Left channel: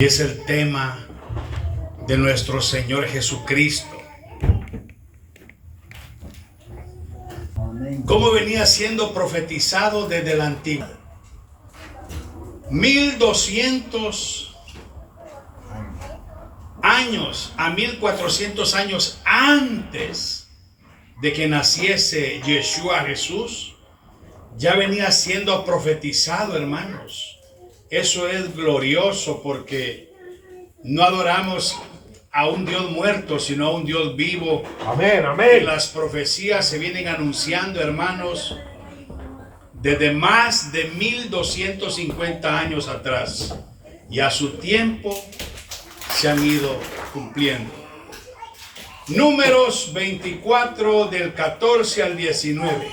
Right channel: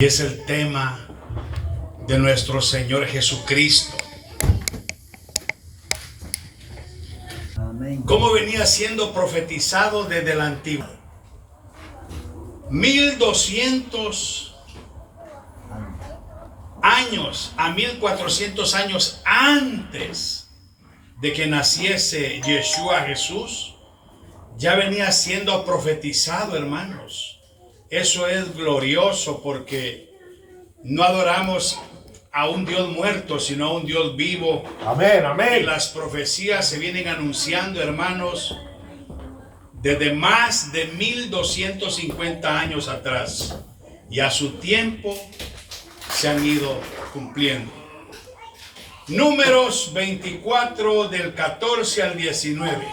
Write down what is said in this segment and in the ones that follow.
Y es el tema de nuestro Señor Jesucristo. Amén. ¿Cómo venía siendo profetizado desde la antigüedad? 1200 años a 1400 años antes de que naciese Yeshua Jesús, ya venía siendo profetizado, hermanos. Eso es glorioso porque no adoramos a un Dios muerto, sino a un Dios vivo. Amén, amén. Y las profecías se vienen anunciando, hermanos, desde más de 1250 años atrás. Y a su tiempo se han ido cumpliendo. Números 24 del 14 al 19.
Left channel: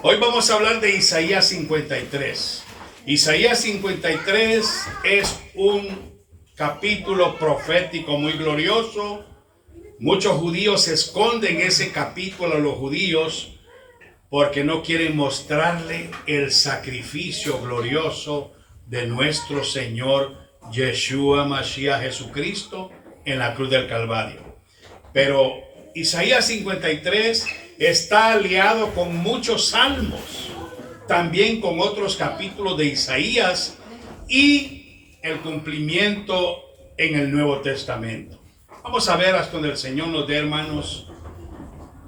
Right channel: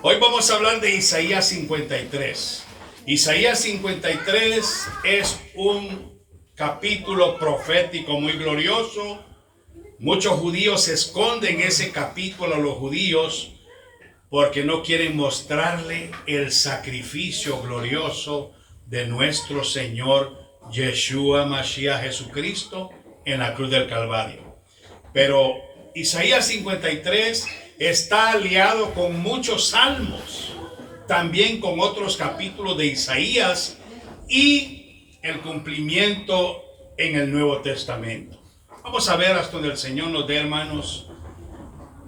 Hoy vamos a hablar de Isaías 53. Isaías 53 es un capítulo profético muy glorioso. Muchos judíos esconden ese capítulo a los judíos porque no quieren mostrarle el sacrificio glorioso de nuestro Señor Yeshua Mashiach Jesucristo en la cruz del Calvario. Pero Isaías 53 está aliado con muchos salmos, también con otros capítulos de Isaías y el cumplimiento en el Nuevo Testamento. Vamos a ver hasta donde el Señor nos dé, hermanos,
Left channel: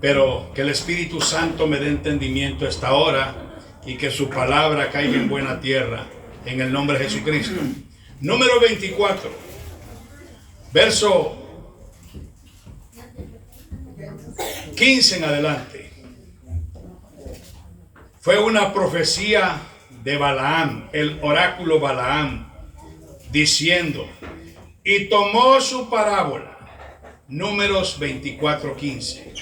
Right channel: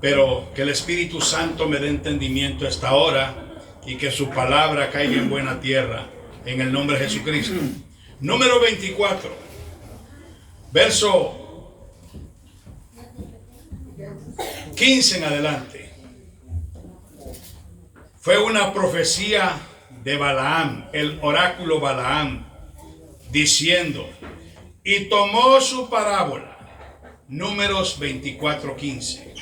pero que el Espíritu Santo me dé entendimiento esta hora y que su palabra caiga en buena tierra, en el nombre de Jesucristo. Número 24, verso 15 en adelante. Fue una profecía de Balaam, el oráculo Balaam, diciendo, y tomó su parábola, Números 24:15.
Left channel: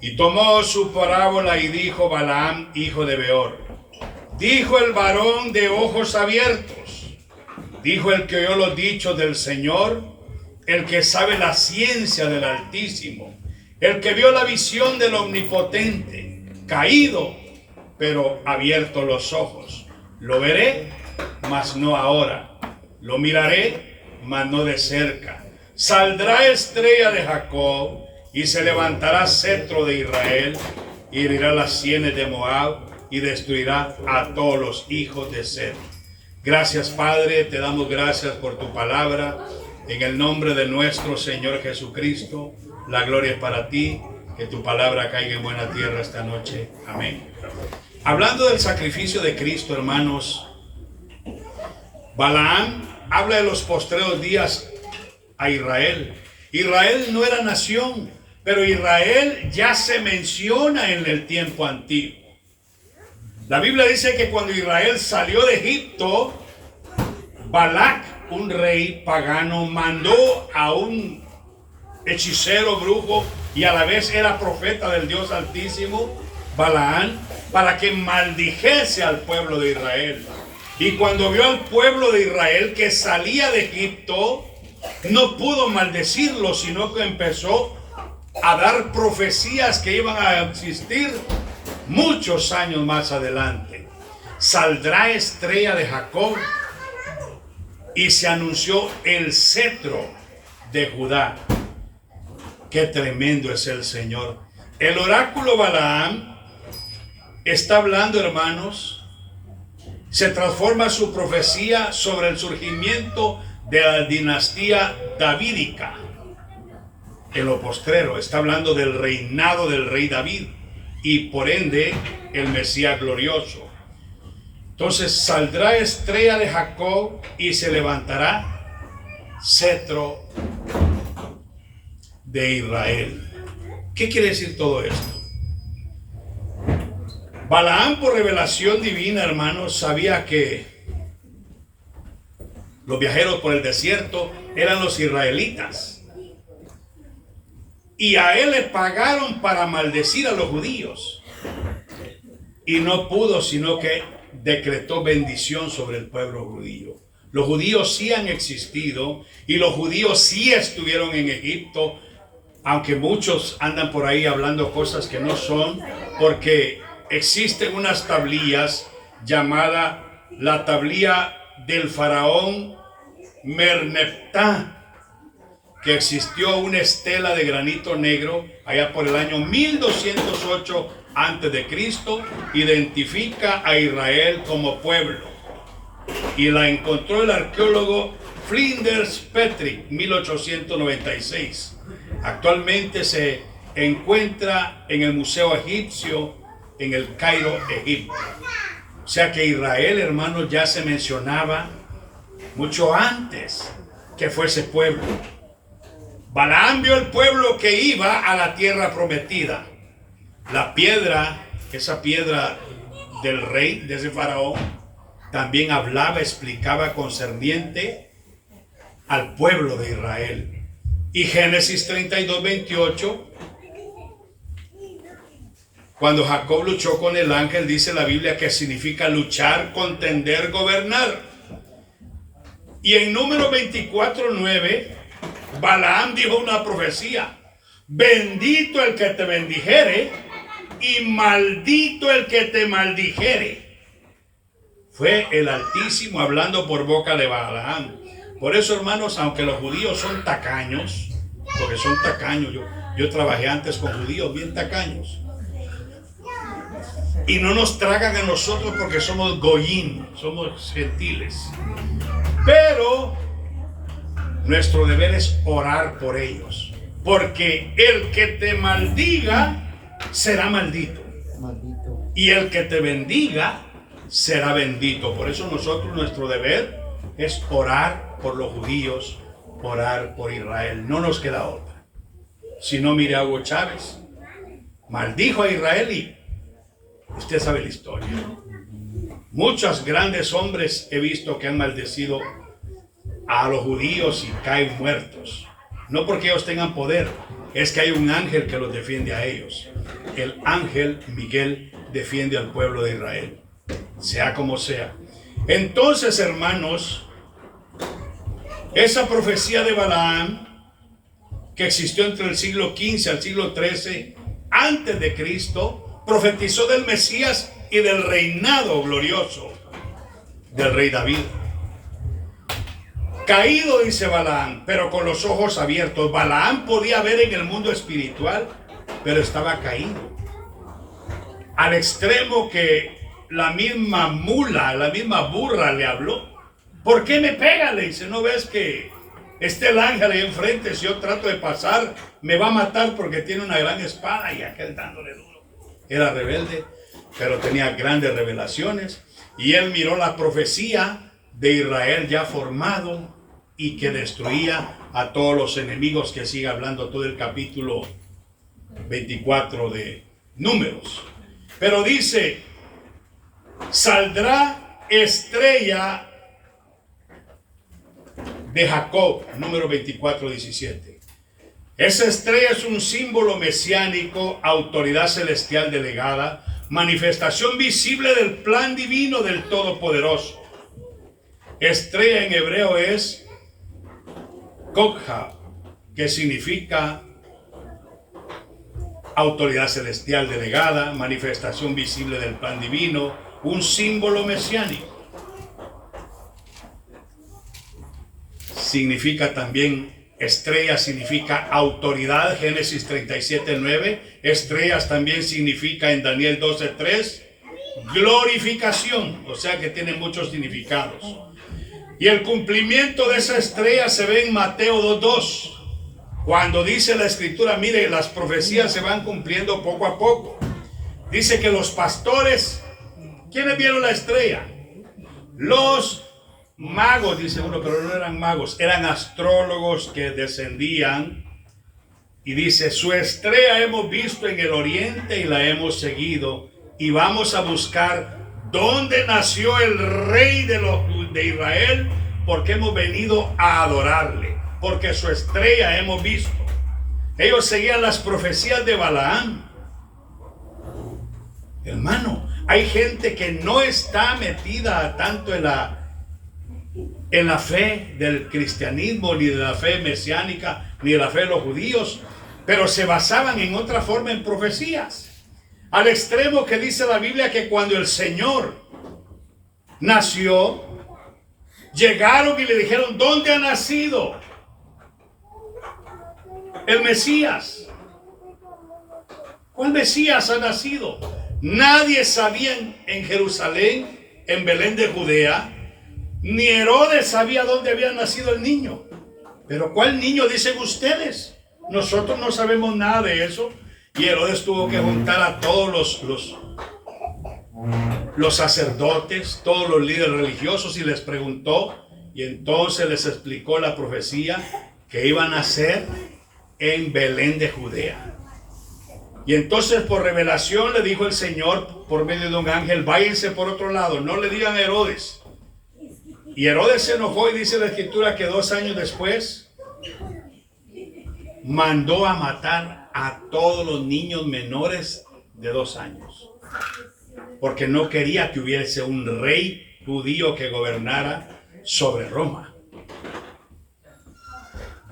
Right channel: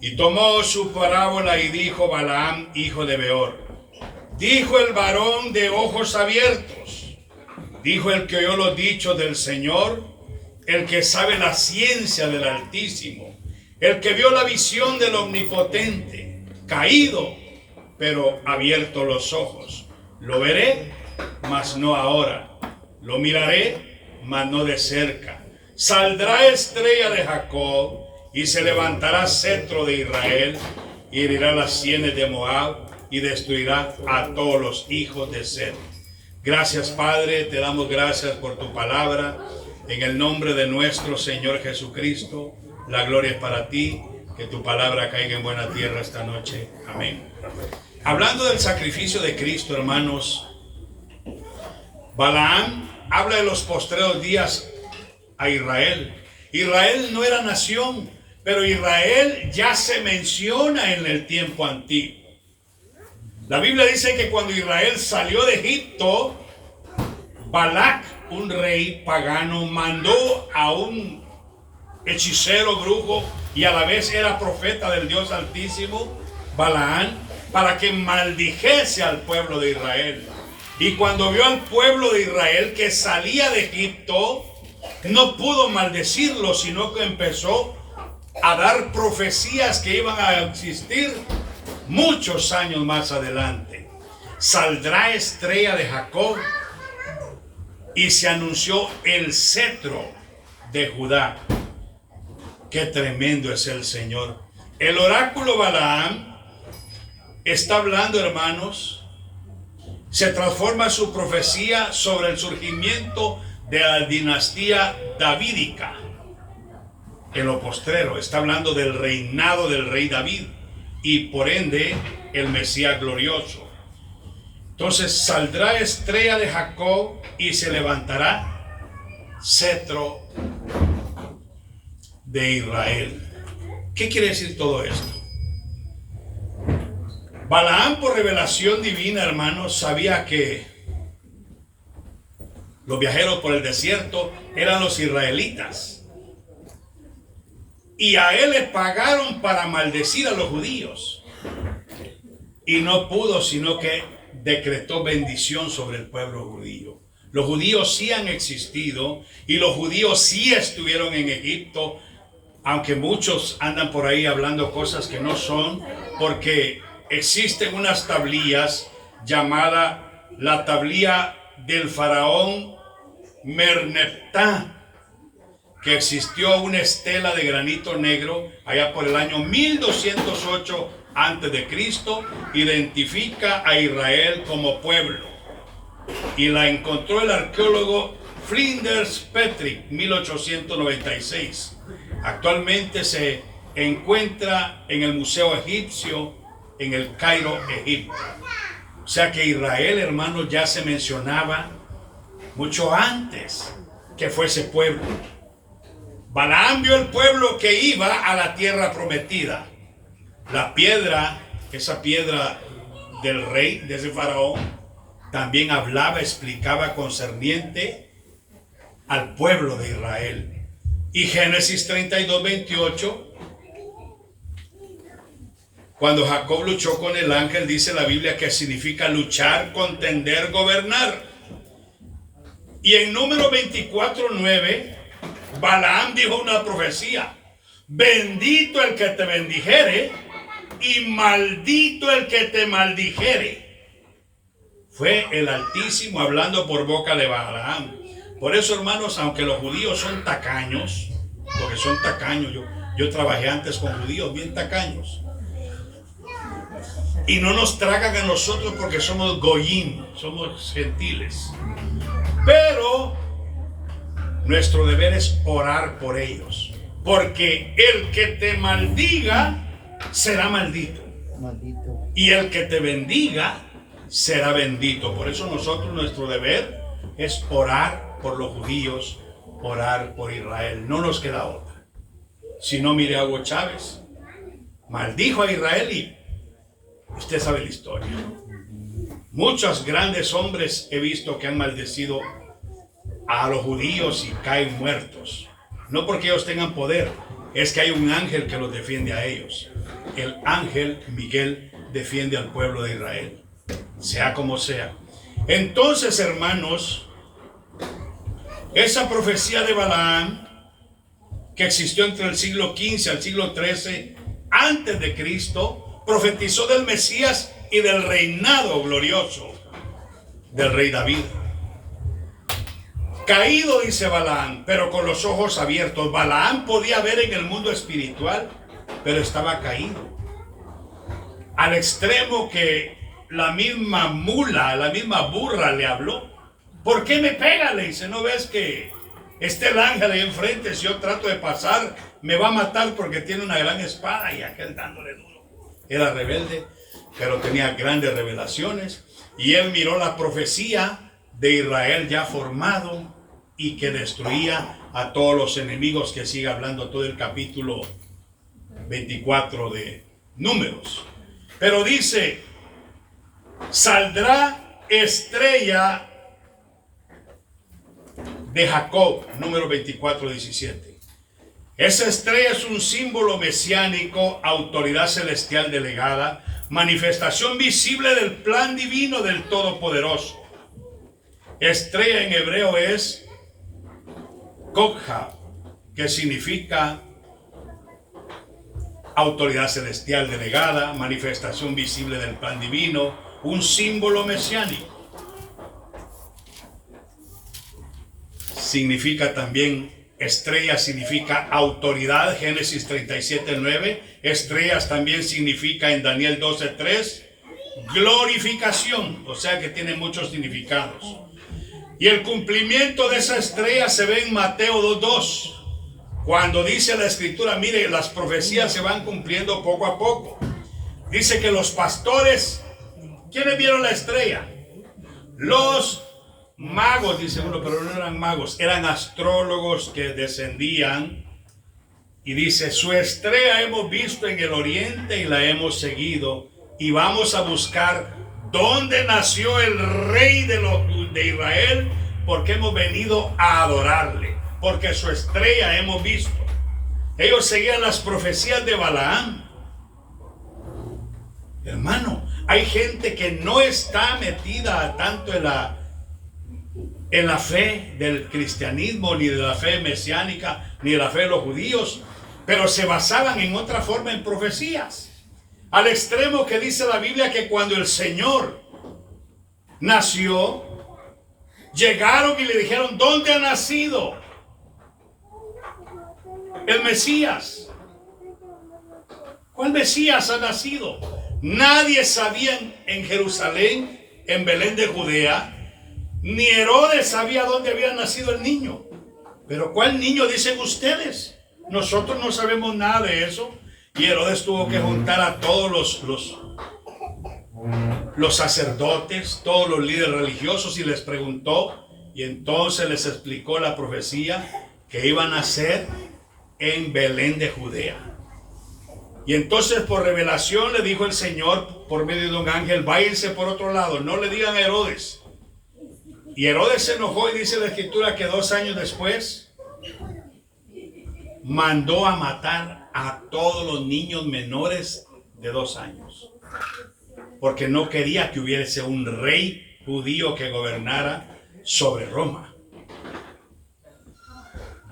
Y tomó su parábola y dijo Balaam, hijo de Beor, dijo el varón de ojos abiertos, dijo el que oyó los dichos del Señor, el que sabe la ciencia del Altísimo, el que vio la visión del Omnipotente, caído, pero abierto los ojos. Lo veré, mas no ahora. Lo miraré, mas no de cerca. Saldrá estrella de Jacob y se levantará cetro de Israel, y herirá las sienes de Moab y destruirá a todos los hijos de Seth. Gracias, Padre, te damos gracias por tu palabra. En el nombre de nuestro Señor Jesucristo, la gloria es para ti. Que tu palabra caiga en buena tierra esta noche. Amén. Hablando del sacrificio de Cristo, hermanos, Balaam habla de los postreros días a Israel. Israel no era nación, pero Israel ya se menciona en el tiempo antiguo. La Biblia dice que cuando Israel salió de Egipto, Balac, un rey pagano, mandó a un hechicero, brujo, y a la vez era profeta del Dios Altísimo, Balaam, para que maldijese al pueblo de Israel. Y cuando vio al pueblo de Israel que salía de Egipto, no pudo maldecirlo, sino que empezó a dar profecías que iban a existir muchos años más adelante. Saldrá estrella de Jacob, y se anunció el cetro de Judá. Qué tremendo es el Señor. El oráculo Balaam está hablando, hermanos, se transforma su profecía sobre el surgimiento de la dinastía davídica. En lo postrero está hablando del reinado del rey David y por ende el Mesías glorioso. Entonces saldrá estrella de Jacob y se levantará cetro de Israel. ¿Qué quiere decir todo esto? Balaam, por revelación divina, hermanos, sabía que los viajeros por el desierto eran los israelitas. Y a él le pagaron para maldecir a los judíos. Y no pudo, sino que decretó bendición sobre el pueblo judío. Los judíos sí han existido y los judíos sí estuvieron en Egipto, aunque muchos andan por ahí hablando cosas que no son, porque existen unas tablillas llamadas la tablilla del faraón Merneptah, que existió una estela de granito negro allá por el año 1208 antes de Cristo, identifica a Israel como pueblo, y la encontró el arqueólogo Flinders Petrie, 1896. Actualmente se encuentra en el Museo Egipcio en el Cairo, Egipto. O sea que Israel, hermanos, ya se mencionaba mucho antes que fuese pueblo. Balaam vio el pueblo que iba a la tierra prometida. La piedra, esa piedra del rey, de ese faraón, también hablaba, explicaba concerniente al pueblo de Israel. Y Génesis 32, 28, cuando Jacob luchó con el ángel, dice la Biblia que significa luchar, contender, gobernar. Y en Número 24, 9, Balaam dijo una profecía: bendito el que te bendijere y maldito el que te maldijere. Fue el Altísimo hablando por boca de Balaam. Por eso, hermanos, aunque los judíos son tacaños, porque son tacaños, yo trabajé antes con judíos bien tacaños, y no nos tragan a nosotros porque somos goyim, somos gentiles, pero nuestro deber es orar por ellos, porque el que te maldiga será maldito, y el que te bendiga será bendito. Por eso nosotros, nuestro deber es orar por los judíos, orar por Israel. No nos queda otra. Si no, mire a Hugo Chávez, maldijo a Israel y usted sabe la historia. Muchos grandes hombres he visto que han maldecido a los judíos y caen muertos. No porque ellos tengan poder, es que hay un ángel que los defiende a ellos. El ángel Miguel defiende al pueblo de Israel, sea como sea. Entonces, hermanos, esa profecía de Balaam, que existió entre el siglo XV al siglo XIII antes de Cristo, profetizó del Mesías y del reinado glorioso del rey David. Caído, dice Balaam, pero con los ojos abiertos. Balaam podía ver en el mundo espiritual, pero estaba caído, al extremo que la misma mula, la misma burra le habló. ¿Por qué me pega? Le dice, ¿no ves que está el ángel ahí enfrente? Si yo trato de pasar, me va a matar porque tiene una gran espada. Y aquel dándole duro. Era rebelde, pero tenía grandes revelaciones. Y él miró la profecía de Israel ya formado y que destruía a todos los enemigos, que sigue hablando todo el capítulo 24 de Números. Pero dice, saldrá estrella de Jacob, número 24, 17. Esa estrella es un símbolo mesiánico, autoridad celestial delegada, manifestación visible del plan divino del Todopoderoso. Estrella en hebreo es Kokha, que significa autoridad celestial delegada, manifestación visible del plan divino, un símbolo mesiánico. Significa también, estrella significa autoridad, Génesis 37, 9. Estrellas también significa en Daniel 12, 3, glorificación, o sea que tiene muchos significados. Y el cumplimiento de esa estrella se ve en Mateo 2, 2. Cuando dice la escritura, mire, las profecías se van cumpliendo poco a poco. Dice que los pastores, ¿quiénes vieron la estrella? Los magos, dice uno, pero no eran magos, eran astrólogos que descendían. Y dice, su estrella hemos visto en el oriente y la hemos seguido. Y vamos a buscar dónde nació el rey de Israel, porque hemos venido a adorarle. Porque su estrella hemos visto. Ellos seguían las profecías de Balaam. Hermano, hay gente que no está metida tanto en la fe del cristianismo, ni de la fe mesiánica, ni de la fe de los judíos, pero se basaban en otra forma en profecías. Al extremo que dice la Biblia que cuando el Señor nació, Llegaron y le dijeron, ¿dónde ha nacido el Mesías? ¿Cuál Mesías ha nacido? Nadie sabía en Jerusalén, en Belén de Judea, ni Herodes sabía dónde había nacido el niño. Pero ¿cuál niño dicen ustedes? Nosotros no sabemos nada de eso. Y Herodes tuvo que juntar a todos los sacerdotes, todos los líderes religiosos, y les preguntó, y entonces les explicó la profecía que iban a nacer en Belén de Judea. Y entonces por revelación le dijo el Señor por medio de un ángel, váyanse por otro lado, no le digan a Herodes. Y Herodes se enojó, y dice la escritura que 2 años después mandó a matar a todos los niños menores de 2 años. Porque no quería que hubiese un rey judío que gobernara sobre Roma.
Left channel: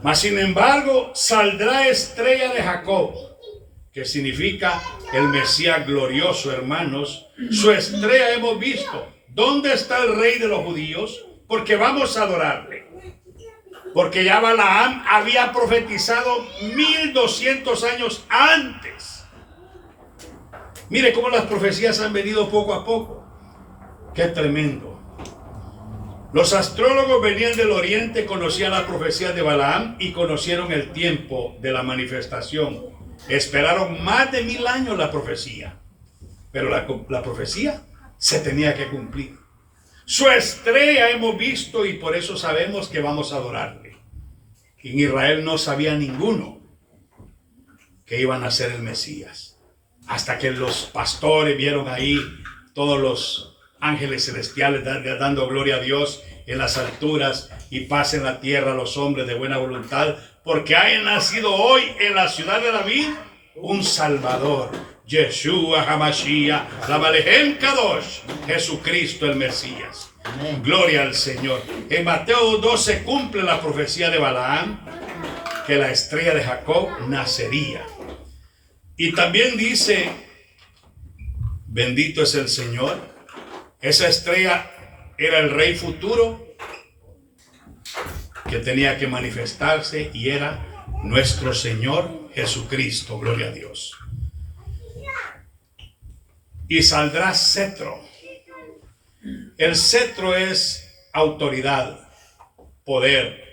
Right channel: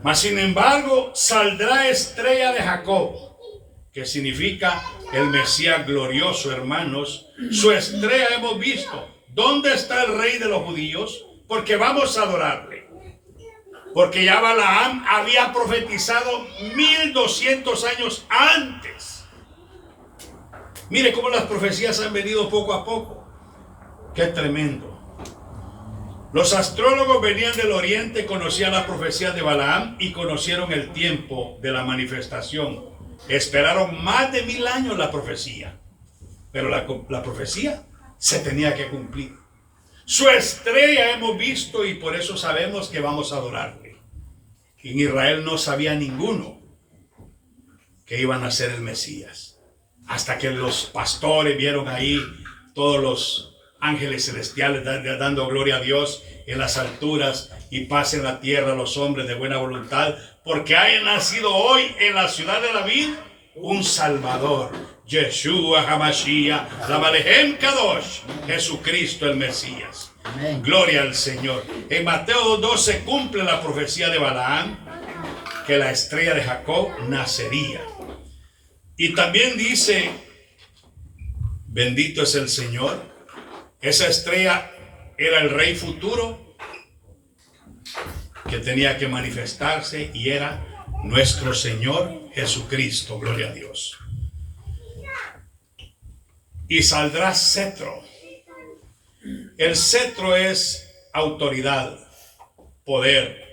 Mas sin embargo, saldrá estrella de Jacob, que significa el Mesías glorioso, hermanos. Su estrella hemos visto. ¿Dónde está el rey de los judíos? Porque vamos a adorarle. Porque ya Balaam había profetizado 1200 años antes. Mire cómo las profecías han venido poco a poco. Qué tremendo. Los astrólogos venían del oriente, conocían la profecía de Balaam y conocieron el tiempo de la manifestación. Esperaron más de 1000 años la profecía. Pero la profecía se tenía que cumplir. Su estrella hemos visto y por eso sabemos que vamos a adorarle. En Israel no sabía ninguno que iban a ser el Mesías. Hasta que los pastores vieron ahí todos los ángeles celestiales dando gloria a Dios en las alturas y paz en la tierra a los hombres de buena voluntad, porque haya nacido hoy en la ciudad de David un Salvador, Yeshua HaMashiach, la Malehem Kadosh, Jesucristo el Mesías. Amén. Gloria al Señor. En Mateo 12 cumple la profecía de Balaam, que la estrella de Jacob nacería. Y también dice, bendito es el Señor. Esa estrella era el rey futuro que tenía que manifestarse, y era nuestro Señor Jesucristo. Gloria a Dios. Y saldrá cetro. El cetro es autoridad, poder.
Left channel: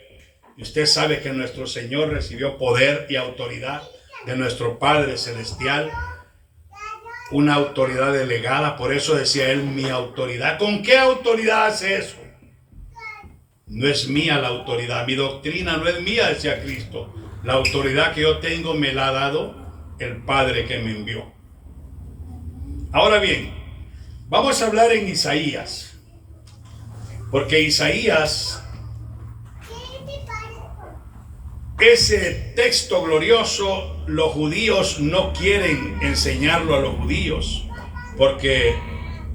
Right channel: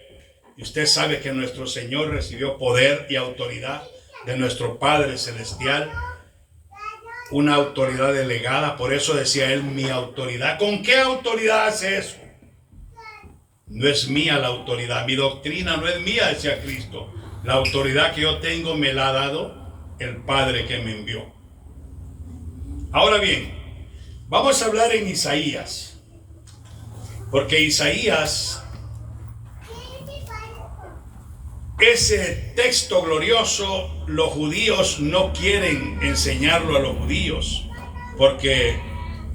Y usted sabe que nuestro Señor recibió poder y autoridad de nuestro Padre Celestial. Una autoridad delegada. Por eso decía él, mi autoridad. ¿Con qué autoridad hace eso? No es mía la autoridad. Mi doctrina no es mía, decía Cristo. La autoridad que yo tengo me la ha dado el Padre que me envió. Ahora bien, vamos a hablar en Isaías. Porque Isaías, ese texto glorioso, los judíos no quieren enseñarlo a los judíos, porque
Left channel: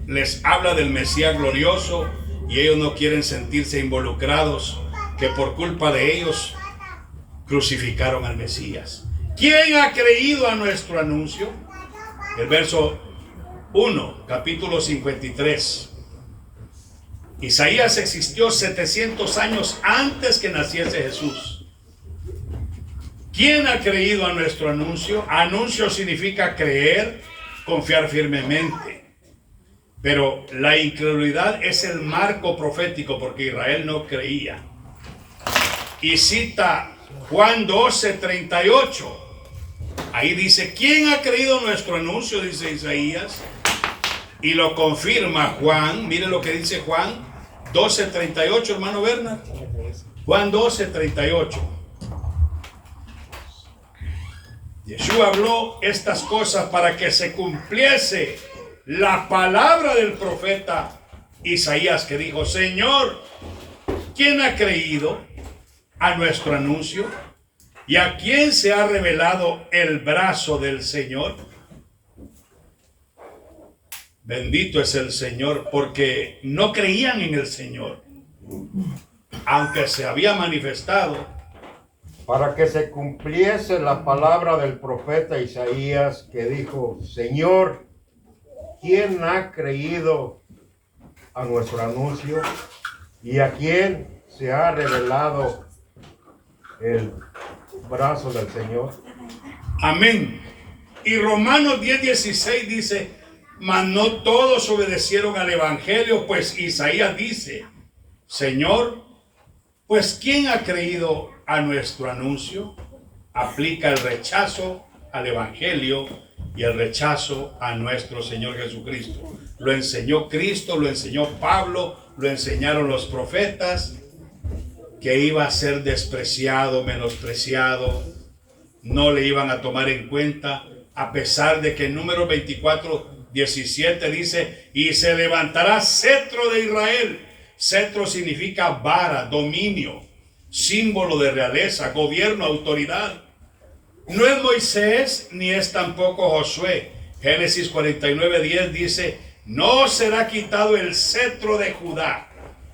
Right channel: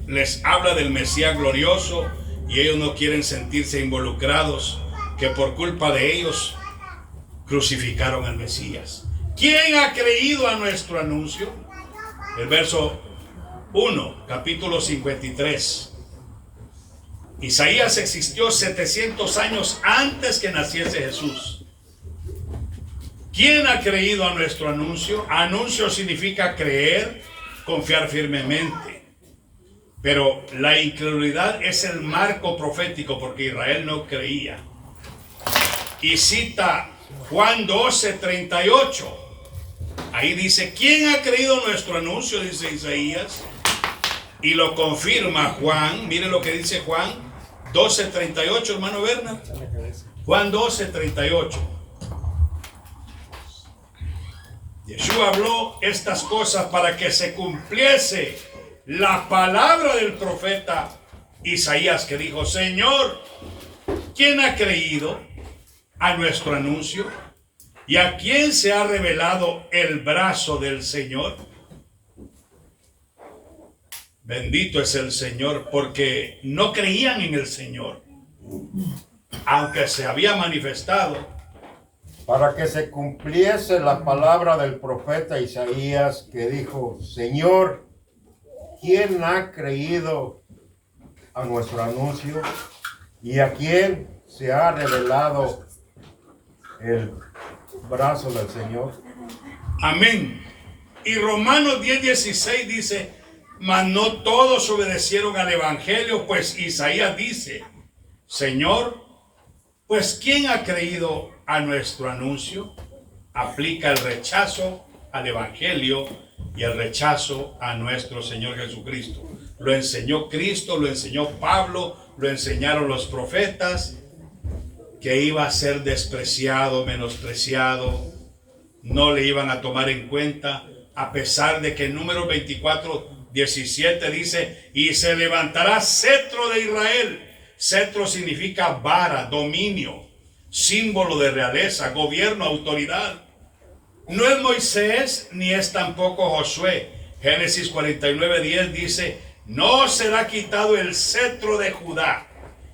les habla del Mesías glorioso y ellos no quieren sentirse involucrados, que por culpa de ellos crucificaron al Mesías. ¿Quién ha creído a nuestro anuncio? El verso 1, capítulo 53. Isaías existió 700 años antes que naciese Jesús. ¿Quién ha creído a nuestro anuncio? Anuncio significa creer, confiar firmemente. Pero la incredulidad es el marco profético, porque Israel no creía. Y cita Juan 12:38. Ahí dice, ¿quién ha creído nuestro anuncio? Dice Isaías. Y lo confirma Juan. Mire lo que dice Juan 12:38, hermano Bernard. Juan 12:38. Yeshua habló estas cosas para que se cumpliese la palabra del profeta Isaías, que dijo, Señor, ¿quién ha creído a nuestro anuncio? ¿Y a quién se ha revelado el brazo del Señor? Bendito es el Señor, porque no creían en el Señor, aunque se había manifestado. Para que se cumpliese la palabra del profeta Isaías, que dijo, Señor, ¿quién ha creído a nuestro anuncio? y a quién se ha revelado el brazo del Señor. Amén. Y Romanos 10:16 dice, mas no todos obedecieron al evangelio, pues Isaías dice, Señor, pues ¿quién ha creído a nuestro anuncio? Aplica el rechazo al evangelio y el rechazo a nuestro Señor Jesucristo. Lo enseñó Cristo, lo enseñó Pablo, lo enseñaron los profetas, que iba a ser despreciado, menospreciado, no le iban a tomar en cuenta, a pesar de que en Números 24:17 dice, y se levantará cetro de Israel. Cetro significa vara, dominio, símbolo de realeza, gobierno, autoridad. No es Moisés ni es tampoco Josué. Génesis 49:10 dice, no será quitado el cetro de Judá.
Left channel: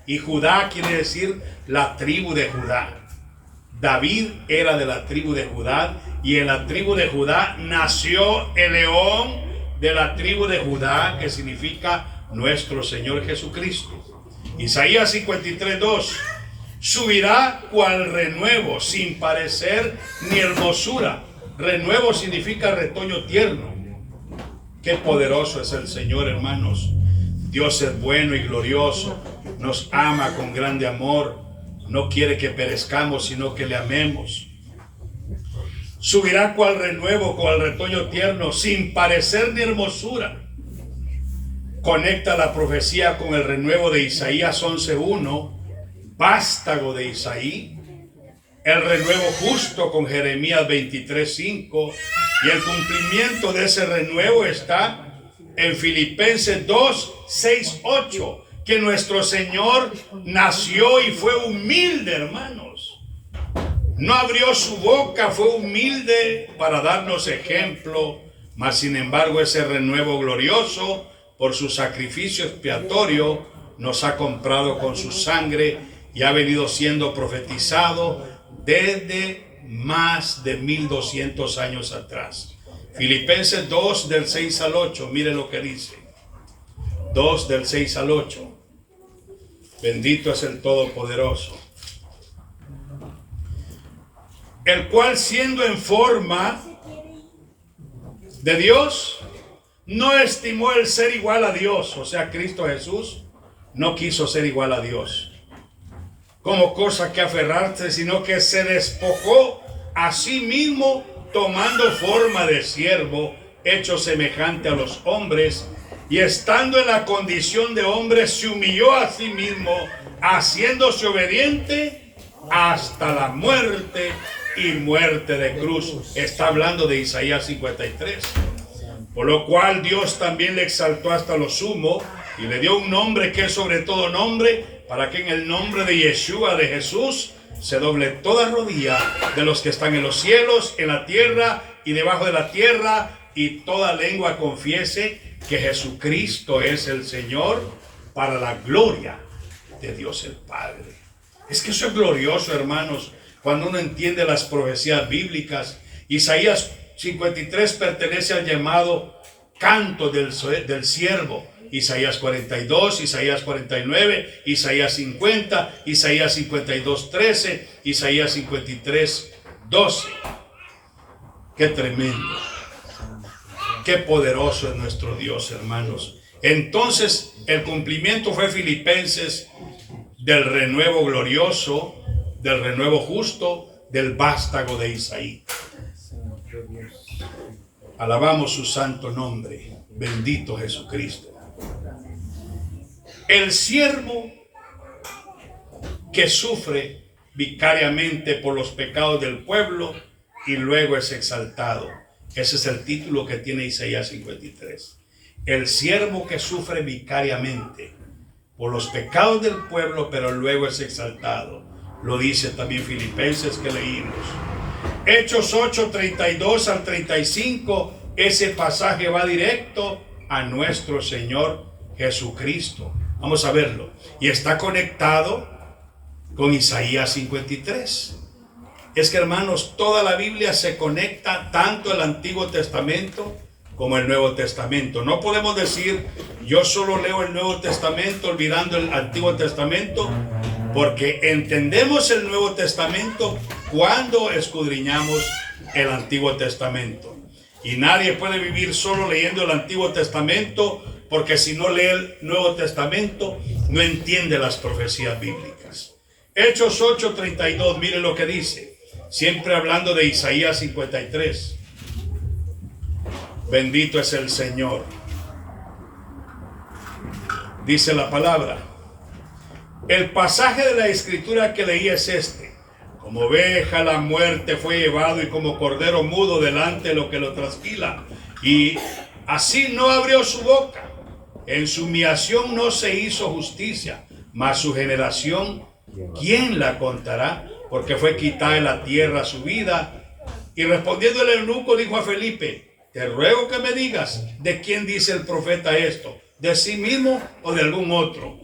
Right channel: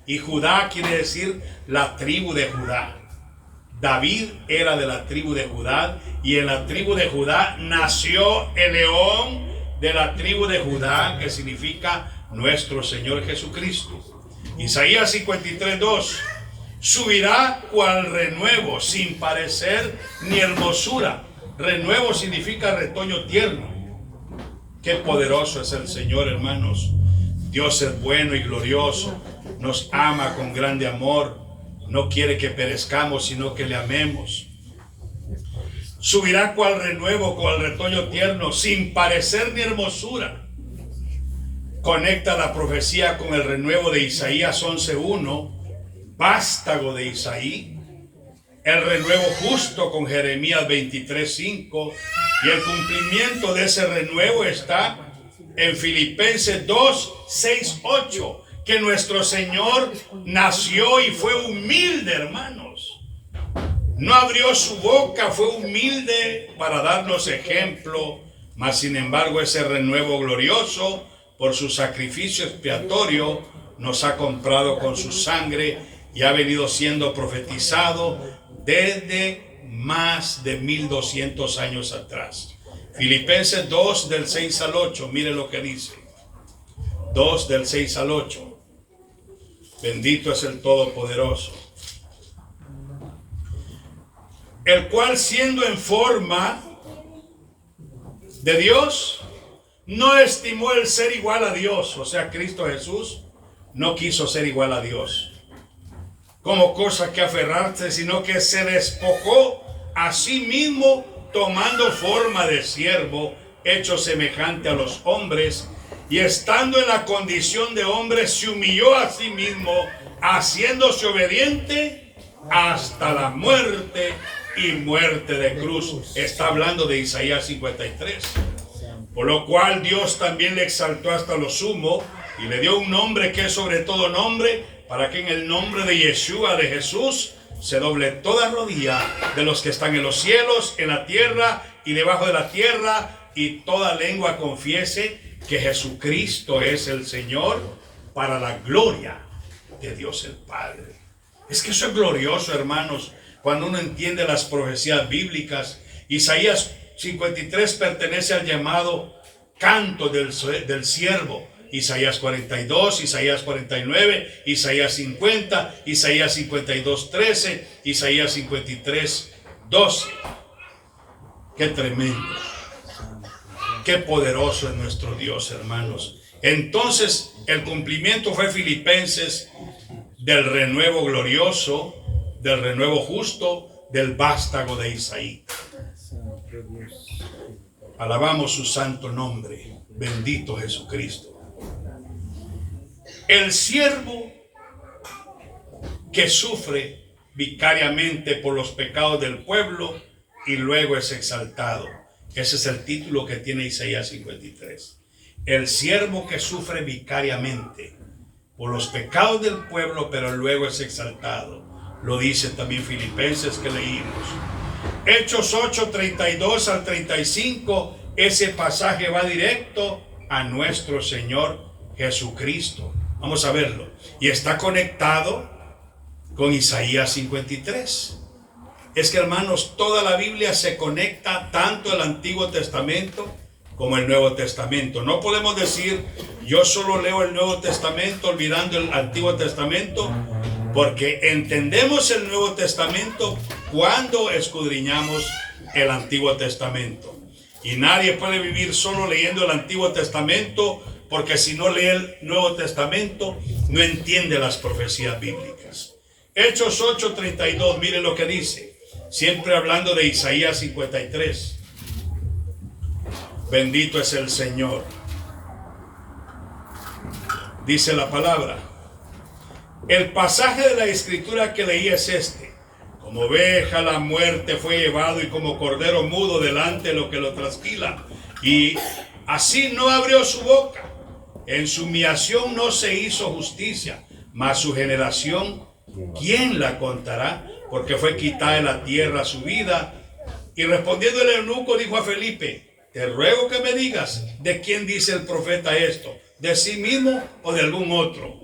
Y Judá quiere decir la tribu de Judá. David era de la tribu de Judá, y en la tribu de Judá nació el león de la tribu de Judá, que significa nuestro Señor Jesucristo. Isaías 53:2, subirá cual renuevo, sin parecer ni hermosura. Renuevo significa retoño tierno. Qué poderoso es el Señor, hermanos. Dios es bueno y glorioso, nos ama con grande amor, no quiere que perezcamos, sino que le amemos. Subirá cual renuevo, cual retoño tierno, sin parecer ni hermosura. Conecta la profecía con el renuevo de Isaías 11:1, vástago de Isaí, el renuevo justo con Jeremías 23:5, y el cumplimiento de ese renuevo está en Filipenses 2:6-8, que nuestro Señor nació y fue humilde, hermanos. No abrió su boca, fue humilde para darnos ejemplo, mas sin embargo ese renuevo glorioso, por su sacrificio expiatorio, nos ha comprado con su sangre y ha venido siendo profetizado desde más de 1200 años atrás. Filipenses 2 del 6 al 8, mire lo que dice. 2 del 6 al 8. Bendito es el Todopoderoso, el cual siendo en forma de Dios, no estimó el ser igual a Dios, o sea, Cristo Jesús no quiso ser igual a Dios como cosa que aferrarse, sino que se despojó a sí mismo, tomando forma de siervo, hecho semejante a los hombres, y estando en la condición de hombre, se humilló a sí mismo, haciéndose obediente hasta la muerte y muerte de cruz. Está hablando de Isaías 53. Por lo cual Dios también le exaltó hasta lo sumo y le dio un nombre que es sobre todo nombre, para que en el nombre de Yeshua, de Jesús, se doble toda rodilla de los que están en los cielos, en la tierra y debajo de la tierra, y toda lengua confiese que Jesucristo es el Señor, para la gloria de Dios el Padre. Es que eso es glorioso, hermanos, cuando uno entiende las profecías bíblicas. Isaías 53 pertenece al llamado canto del siervo. Isaías 42, Isaías 49, Isaías 50, Isaías 52:13, Isaías 53:12. Qué tremendo, qué poderoso es nuestro Dios, hermanos. Entonces el cumplimiento fue Filipenses, del renuevo glorioso, del renuevo justo, del vástago de Isaí. Alabamos su santo nombre. Bendito Jesucristo. El siervo que sufre vicariamente por los pecados del pueblo y luego es exaltado. Ese es el título que tiene Isaías 53. El siervo que sufre vicariamente por los pecados del pueblo, pero luego es exaltado. Lo dice también Filipenses que leímos. Hechos 8, 32 al 35, ese pasaje va directo a nuestro Señor Jesucristo. Vamos a verlo. Y está conectado con Isaías 53. Es que, hermanos, toda la Biblia se conecta, tanto el Antiguo Testamento como el Nuevo Testamento. No podemos decir, yo solo leo el Nuevo Testamento olvidando el Antiguo Testamento, Porque entendemos el Nuevo Testamento cuando escudriñamos el Antiguo Testamento. Y nadie puede vivir solo leyendo el Antiguo Testamento, porque si no lee el Nuevo Testamento, no entiende las profecías bíblicas. Hechos 8:32, mire lo que dice, siempre hablando de Isaías 53. Bendito es el Señor. Dice la palabra. El pasaje de la escritura que leí es este. Como oveja la muerte fue llevado y como cordero mudo delante de lo que lo trasquila. Y así no abrió su boca. En su humillación no se hizo justicia. Mas su generación, ¿quién la contará? Porque fue quitada de la tierra su vida. Y respondiendo el eunuco dijo a Felipe, te ruego que me digas de quién dice el profeta esto, de sí mismo o de algún otro.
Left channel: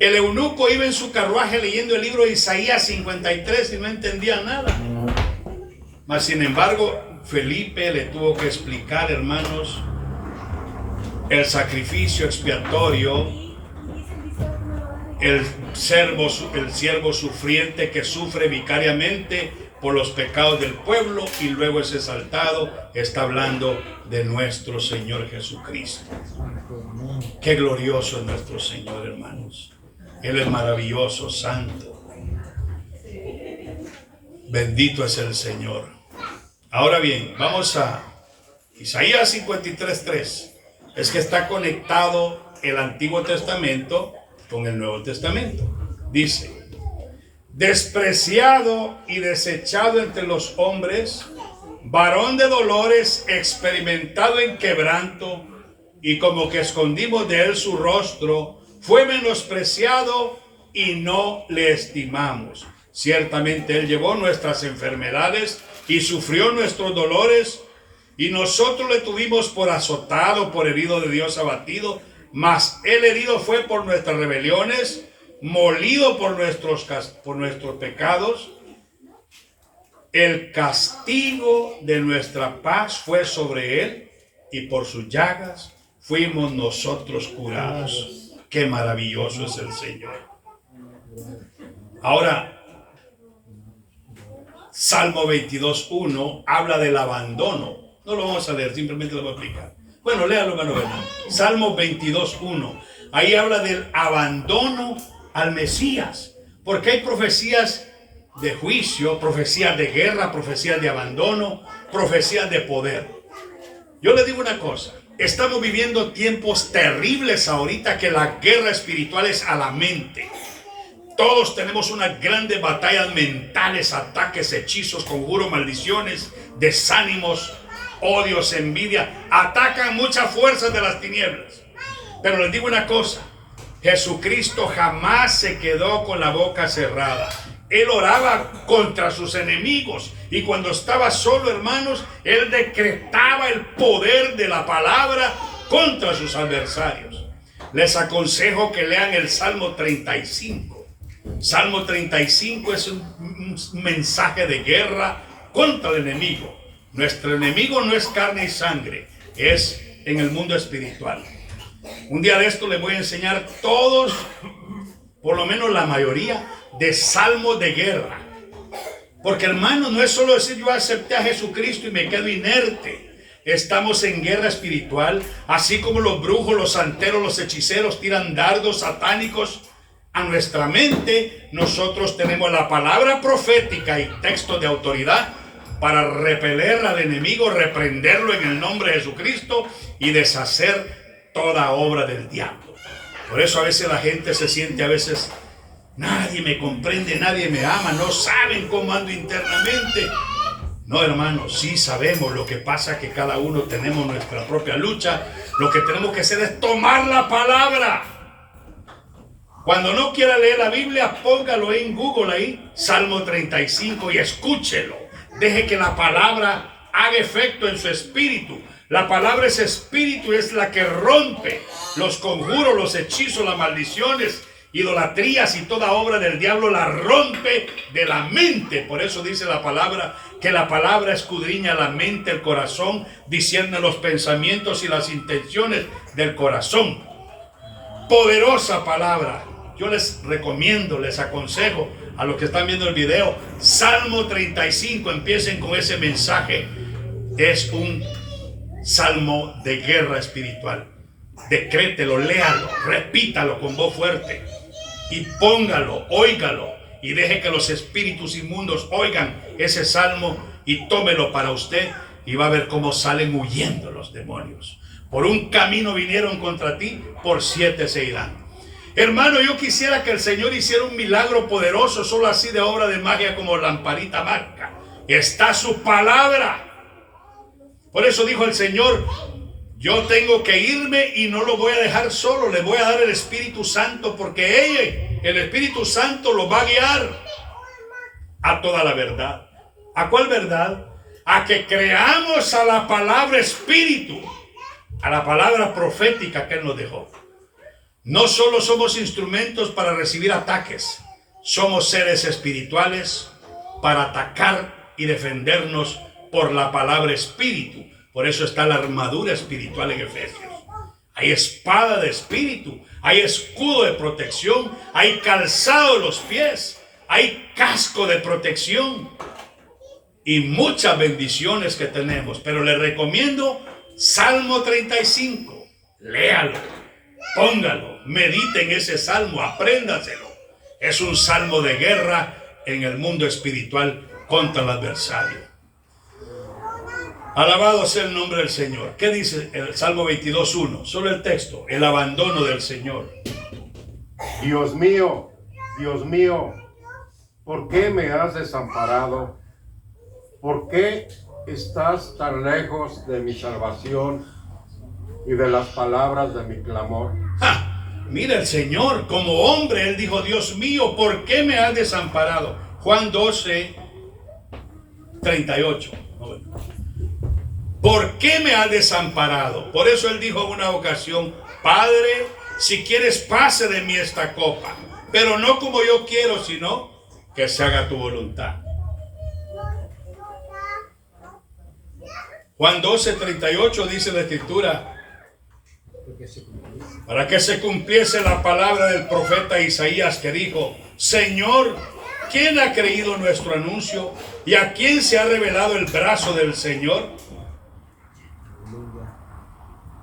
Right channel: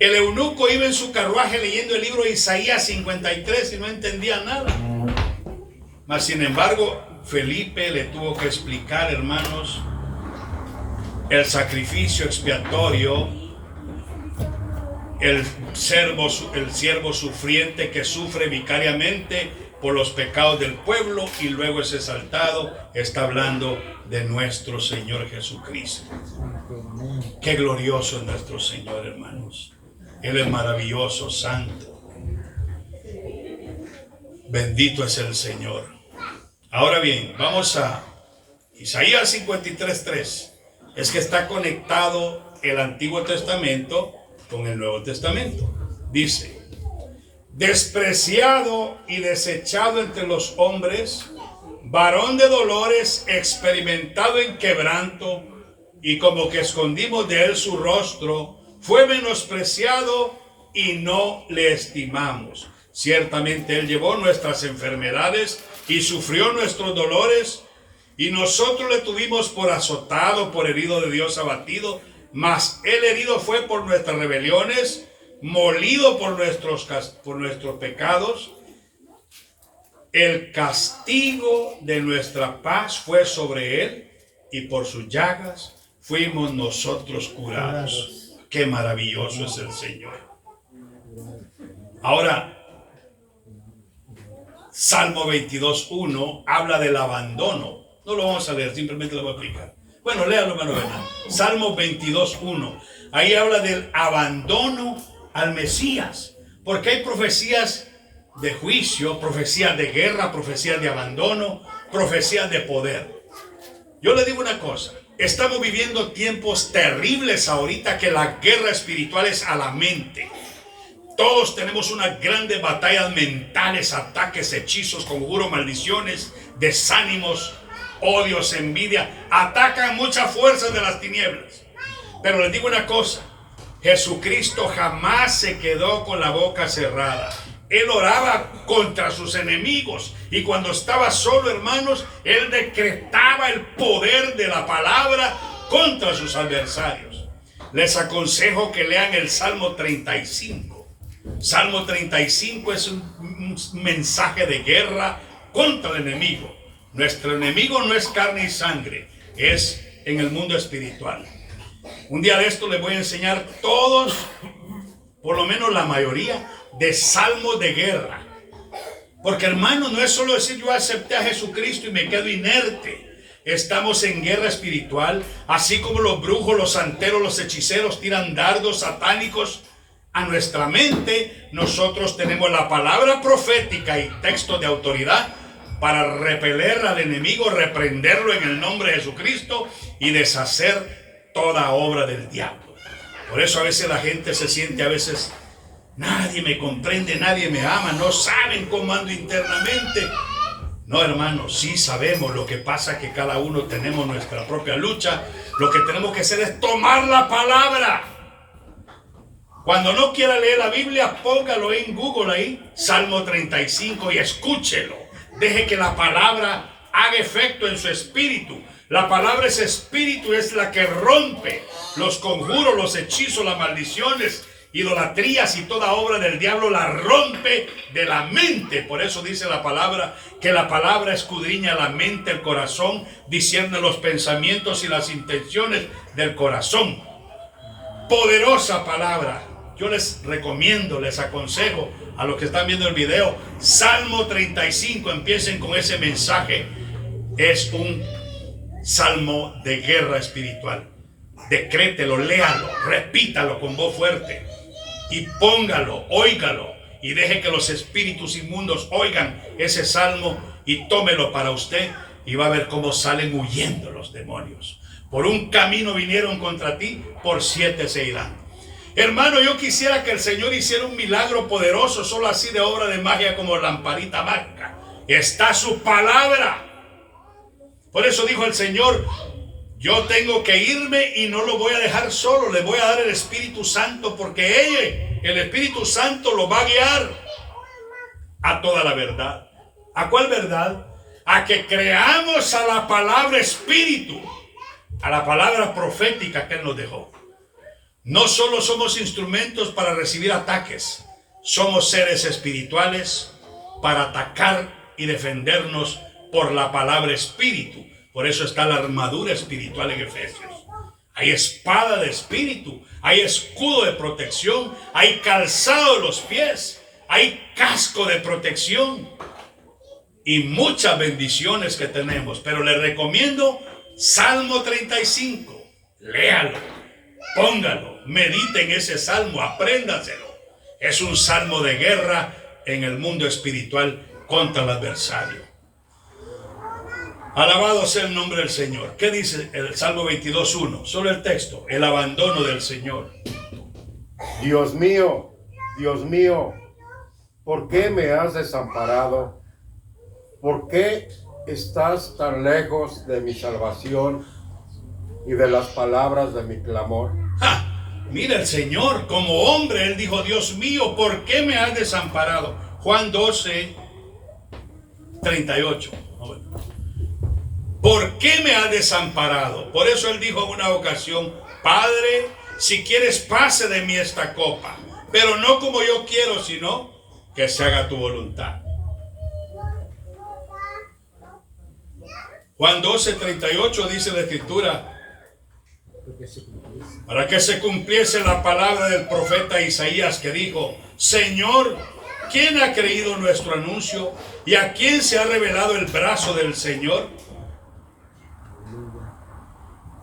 El eunuco iba en su carruaje leyendo el libro de Isaías 53 y no entendía nada. Mas sin embargo, Felipe le tuvo que explicar, hermanos, el sacrificio expiatorio, el siervo sufriente que sufre vicariamente por los pecados del pueblo y luego es exaltado. Está hablando de nuestro Señor Jesucristo. Qué glorioso es nuestro Señor, hermanos. Él es maravilloso, santo. Bendito es el Señor. Ahora bien, vamos a Isaías 53:3. Es que está conectado el Antiguo Testamento con el Nuevo Testamento. Dice, despreciado y desechado entre los hombres, varón de dolores, experimentado en quebranto, y como que escondimos de él su rostro, fue menospreciado y no le estimamos. Ciertamente él llevó nuestras enfermedades y sufrió nuestros dolores, y nosotros le tuvimos por azotado, por herido de Dios abatido, mas él herido fue por nuestras rebeliones, molido por nuestros pecados. El castigo de nuestra paz fue sobre él, y por sus llagas fuimos nosotros curados. Qué maravilloso es el Señor. Ahora, Salmo 22:1 habla del abandono. No lo vamos a leer, simplemente lo voy a explicar. Bueno, léalo, hermano Bernal. Salmo 22:1. Ahí habla del abandono al Mesías. Porque hay profecías de juicio, profecías de guerra, profecías de abandono, profecías de poder. Yo le digo una cosa. Estamos viviendo tiempos terribles ahorita, que la guerra espiritual es a la mente. Todos tenemos unas grandes batallas mentales, ataques, hechizos, conjuros, maldiciones, desánimos, odios, envidia. Atacan muchas fuerzas de las tinieblas. Pero les digo una cosa, Jesucristo jamás se quedó con la boca cerrada. Él oraba contra sus enemigos, y cuando estaba solo, hermanos, él decretaba el poder de la palabra contra sus adversarios. Les aconsejo que lean el Salmo 35. Salmo 35 es un mensaje de guerra contra el enemigo. Nuestro enemigo no es carne y sangre, es en el mundo espiritual. Un día de esto les voy a enseñar todos, por lo menos la mayoría, de salmos de guerra. Porque, hermano, no es solo decir yo acepté a Jesucristo y me quedo inerte. Estamos en guerra espiritual, así como los brujos, los santeros, los hechiceros tiran dardos satánicos a nuestra mente. Nosotros tenemos la palabra profética y textos de autoridad para repeler al enemigo, reprenderlo en el nombre de Jesucristo y deshacer toda obra del diablo. Por eso a veces la gente se siente nadie me comprende, nadie me ama, no saben cómo ando internamente. No, hermano, sí sabemos. Lo que pasa es que cada uno tenemos nuestra propia lucha. Lo que tenemos que hacer es tomar la palabra. Cuando no quiera leer la Biblia, póngalo en Google ahí, Salmo 35, y escúchelo. Deje que la palabra haga efecto en su espíritu. La palabra es espíritu, es la que rompe los conjuros, los hechizos, las maldiciones, idolatrías y toda obra del diablo, la rompe de la mente. Por eso dice la palabra que la palabra escudriña la mente, el corazón, discierne los pensamientos y las intenciones del corazón. Poderosa palabra. yo les recomiendo, les aconsejo a los que están viendo el video, Salmo 35, empiecen con ese mensaje. Es un salmo de guerra espiritual. Decrételo, léalo, repítalo con voz fuerte y póngalo, óigalo y deje que los espíritus inmundos oigan ese salmo y tómelo para usted y va a ver cómo salen huyendo los demonios. Por un camino vinieron contra ti, por 7 se irán. Hermano, yo quisiera que el Señor hiciera un milagro poderoso, solo así de obra de magia como lamparita mágica. Está su palabra. Por eso dijo el Señor, yo tengo que irme y no lo voy a dejar solo, le voy a dar el Espíritu Santo, porque el Espíritu Santo lo va a guiar a toda la verdad. ¿A cuál verdad? A que creamos a la palabra Espíritu, a la palabra profética que Él nos dejó. No solo somos instrumentos para recibir ataques, somos seres espirituales para atacar y defendernos por la palabra Espíritu. Por eso está la armadura espiritual en Efesios. Hay espada de espíritu, hay escudo de protección, hay calzado de los pies, hay casco de protección y muchas bendiciones que tenemos. Pero le recomiendo Salmo 35. Léalo, póngalo, medite en ese salmo, apréndaselo. Es un salmo de guerra en el mundo espiritual contra el adversario. Alabado sea el nombre del Señor. ¿Qué dice el Salmo 22:1? Solo el texto, el abandono del Señor. Dios mío, ¿por qué me has desamparado? ¿Por qué estás tan lejos de mi salvación y de las palabras de mi clamor? Mira, el Señor, como hombre, Él dijo, Dios mío, ¿por qué me has desamparado? Juan 12:38. ¿Por qué me has desamparado? Por eso Él dijo en una ocasión, Padre, si quieres pase de mí esta copa, pero no como yo quiero, sino que se haga tu voluntad. Juan 12:38 dice la Escritura, para que se cumpliese la palabra del profeta Isaías que dijo, Señor, ¿quién ha creído nuestro anuncio? ¿Y a quién se ha revelado el brazo del Señor?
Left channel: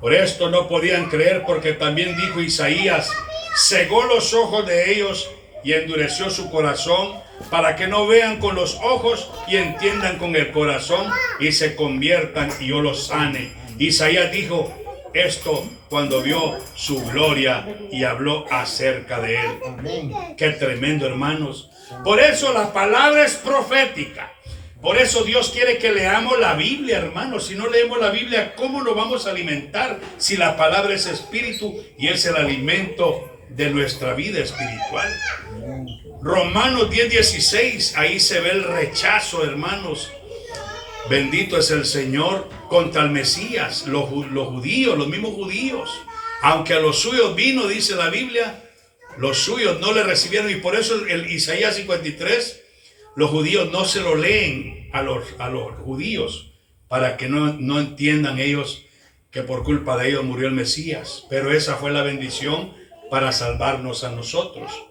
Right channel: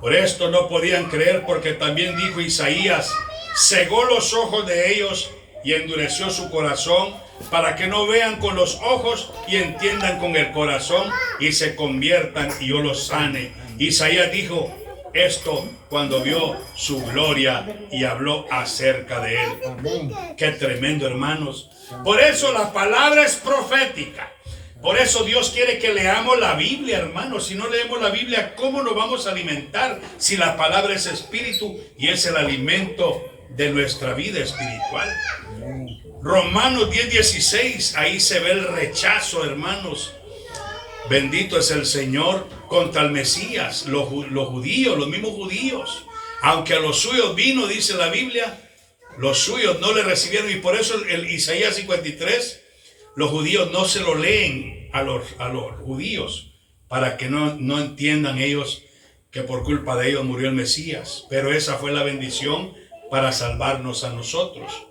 Por esto no podían creer, porque también dijo Isaías, cegó los ojos de ellos y endureció su corazón, para que no vean con los ojos y entiendan con el corazón y se conviertan y yo los sane. Isaías dijo esto cuando vio su gloria y habló acerca de él. Amén. Qué tremendo, hermanos. Por eso la palabra es profética. Por eso Dios quiere que leamos la Biblia, hermanos. Si no leemos la Biblia, ¿cómo nos vamos a alimentar? Si la palabra es espíritu y es el alimento de nuestra vida espiritual. Romanos 10:16, ahí se ve el rechazo, hermanos. Bendito es el Señor contra el Mesías, los judíos, los mismos judíos. Aunque a los suyos vino, dice la Biblia, los suyos no le recibieron. Y por eso el Isaías 53, los judíos no se lo leen a los judíos, para que no entiendan ellos que por culpa de ellos murió el Mesías. Pero esa fue la bendición para salvarnos a nosotros.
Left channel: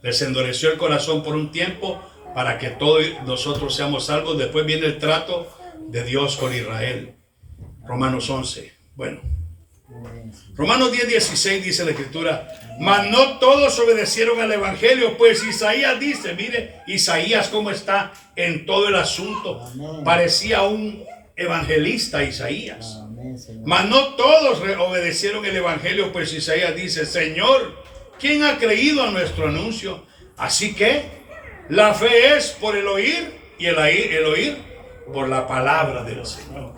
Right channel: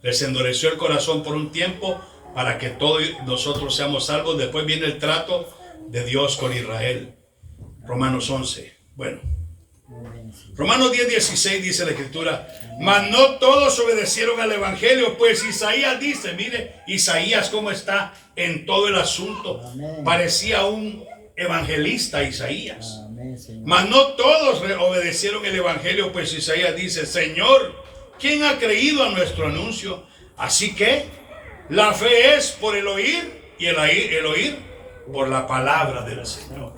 Les endureció el corazón por un tiempo para que todos nosotros seamos salvos. Después viene el trato de Dios con Israel. Romanos 11. Bueno, Romanos 10:16 dice la Escritura, mas no todos obedecieron al Evangelio, pues Isaías dice, mire, Isaías cómo está en todo el asunto. Amén. Parecía un evangelista Isaías. Amén, mas no todos obedecieron el Evangelio, pues Isaías dice, Señor, ¿quién ha creído a nuestro anuncio? Así que la fe es por el oír y el oír por la palabra del Señor.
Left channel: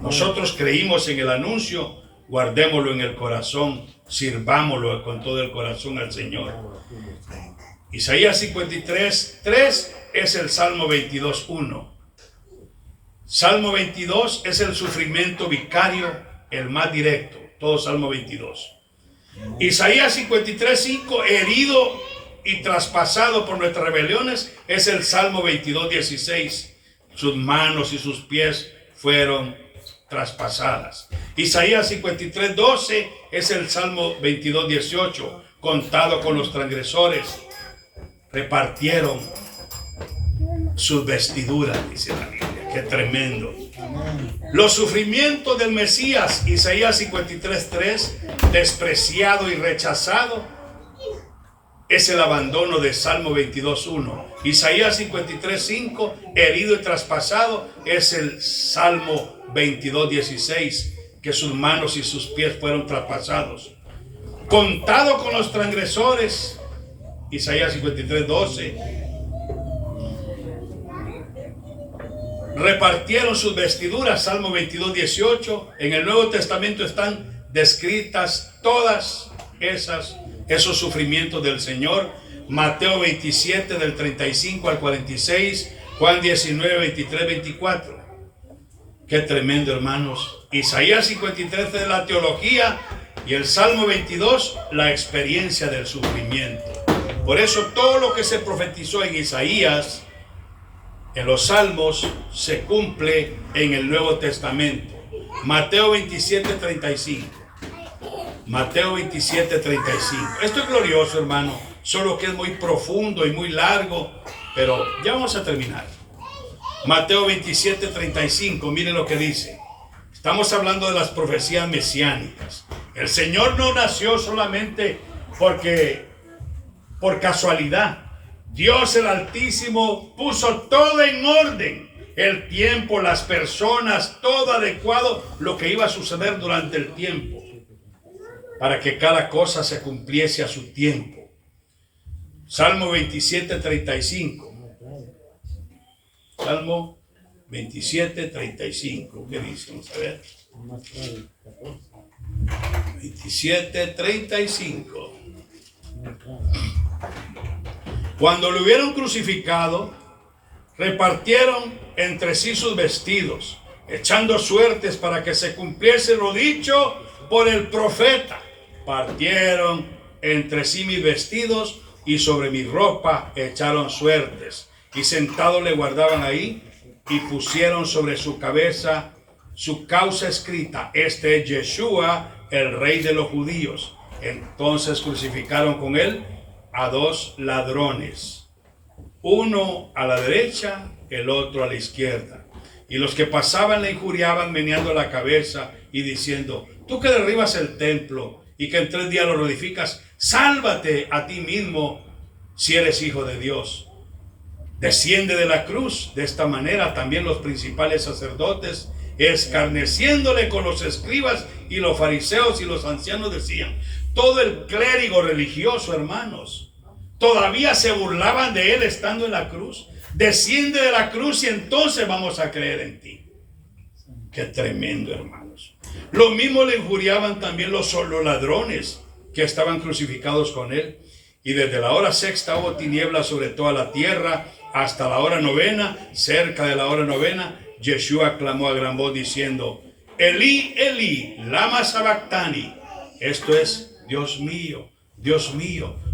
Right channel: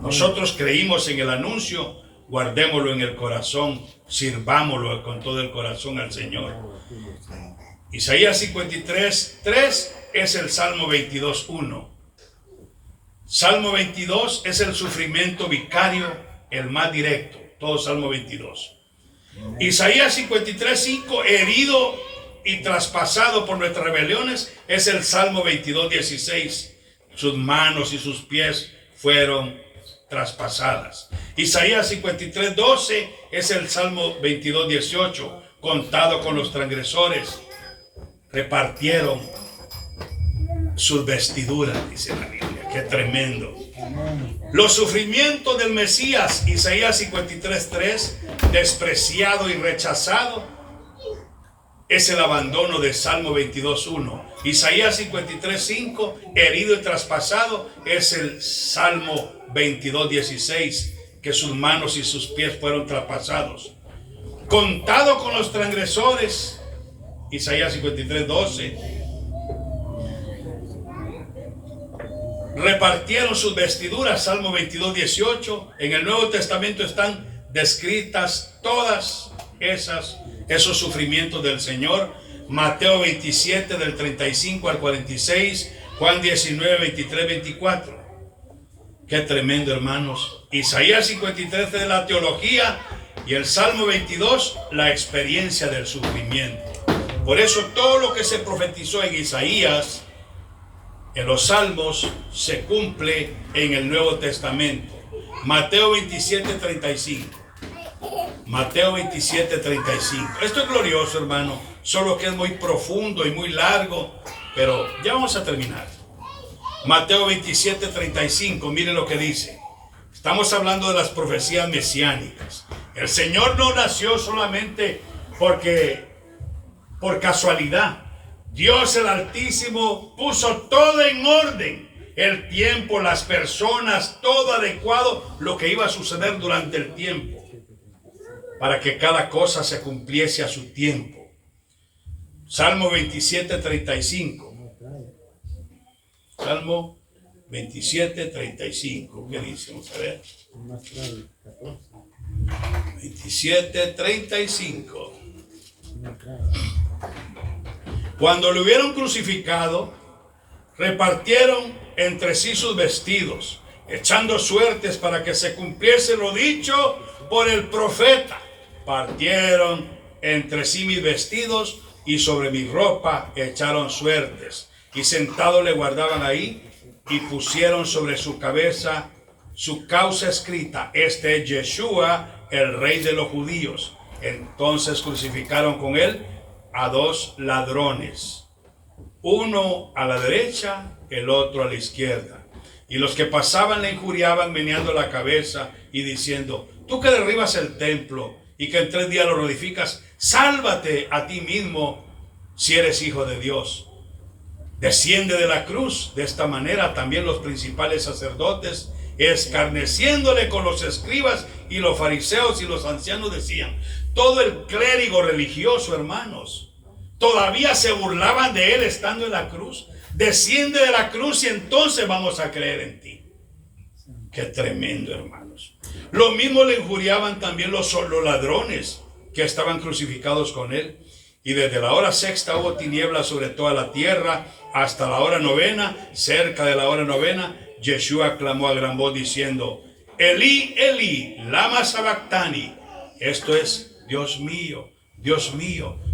Nosotros creímos en el anuncio, guardémoslo en el corazón, sirvámoslo con todo el corazón al Señor. Isaías 53:3 es el Salmo 22:1. Salmo 22 es el sufrimiento vicario, el más directo, todo Salmo 22. Isaías 53:5, herido y traspasado por nuestras rebeliones, es el Salmo 22:16. Sus manos y sus pies fueron traspasadas. Isaías 53:12 es el Salmo 22:18. contado con los transgresores, repartieron sus vestiduras, dice la Biblia. Qué tremendo. Los sufrimientos del Mesías, Isaías 53:3, despreciado y rechazado, es el abandono de Salmo 22:1. Isaías 53:5, herido y traspasado, es el Salmo 22:16, que sus manos y sus pies fueron traspasados. Contado con los transgresores, Isaías 53:12. Repartieron sus vestiduras, Salmo 22:18. En el Nuevo Testamento están descritas todas esos sufrimientos del Señor. Mateo 27 del 35 al 46, Juan 19, 23, 24. Qué tremendo, hermanos. Isaías 53 de la teología y el Salmo 22 la experiencia del sufrimiento. Por eso todo lo que se profetizó en Isaías, en los Salmos, se cumple en el Nuevo Testamento. Mateo 27, 35. Mateo 27, 35. Esto es glorioso, hermano, solo que es muy profundo y muy largo, pero ya vamos a terminar. Mateo 27, 35, mire lo que dice. Estamos hablando de las profecías mesiánicas. El Señor no nació solamente por casualidad. Dios el Altísimo puso todo en orden. El tiempo, las personas, todo adecuado, lo que iba a suceder durante el tiempo, para que cada cosa se cumpliese a su tiempo. Salmo 27, 35. Salmo 27, 35. ¿Qué dice? Vamos a ver. 27, 35. Cuando lo hubieron crucificado, repartieron entre sí sus vestidos, echando suertes para que se cumpliese lo dicho por el profeta. Partieron entre sí mis vestidos y sobre mi ropa echaron suertes. Y sentado le guardaban ahí y pusieron sobre su cabeza su causa escrita: este es Yeshua, el rey de los judíos. Entonces crucificaron con él a dos ladrones, uno a la derecha, el otro a la izquierda. Y los que pasaban le injuriaban meneando la cabeza y diciendo: tú que derribas el templo y que en 3 días lo reedificas, sálvate a ti mismo si eres hijo de Dios. Desciende de la cruz. De esta manera también los principales sacerdotes, escarneciéndole con los escribas y los fariseos y los ancianos, decían. Todo el clérigo religioso, hermanos, todavía se burlaban de él estando en la cruz. Desciende de la cruz y entonces vamos a creer en ti. Qué tremendo, hermanos. Lo mismo le injuriaban también los ladrones que estaban crucificados con él. Y desde la hora 6ª hubo tinieblas sobre toda la tierra hasta la hora 9ª. Cerca de la hora 9ª, Yeshua clamó a gran voz diciendo: Elí, Elí, lama sabactani. Esto es: Dios mío,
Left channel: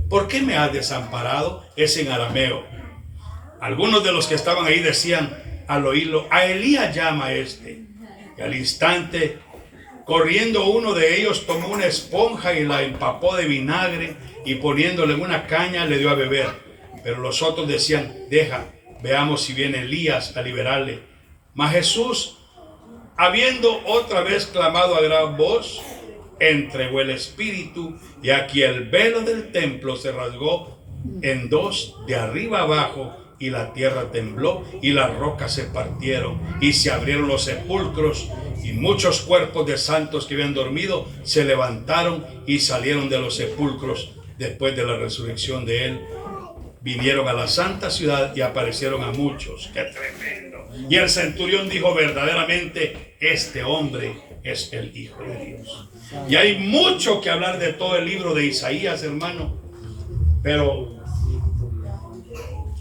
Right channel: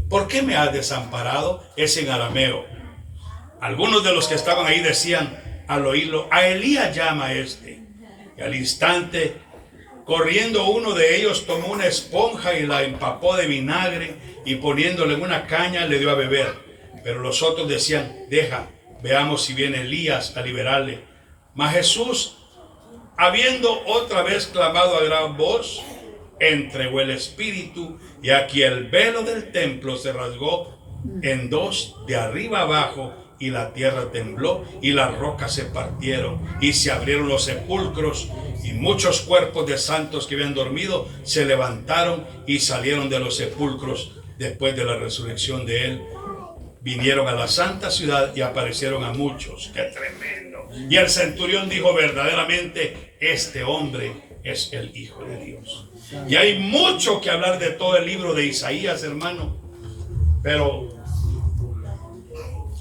¿por qué me has desamparado? Es en arameo. Algunos de los que estaban ahí decían al oírlo: a Elías llama a este. Y al instante, corriendo uno de ellos, tomó una esponja y la empapó de vinagre y poniéndole en una caña le dio a beber. Pero los otros decían: deja, veamos si viene Elías a liberarle. Mas Jesús, habiendo otra vez clamado a gran voz, entregó el espíritu, y aquí el velo del templo se rasgó en dos de arriba abajo, y la tierra tembló y las rocas se partieron y se abrieron los sepulcros, y muchos cuerpos de santos que habían dormido se levantaron y salieron de los sepulcros después de la resurrección de él. Vinieron a la santa ciudad y aparecieron a muchos. ¡Qué tremendo! Y el centurión dijo: verdaderamente este hombre es el Hijo de Dios. Y hay mucho que hablar de todo el libro de Isaías, hermano, pero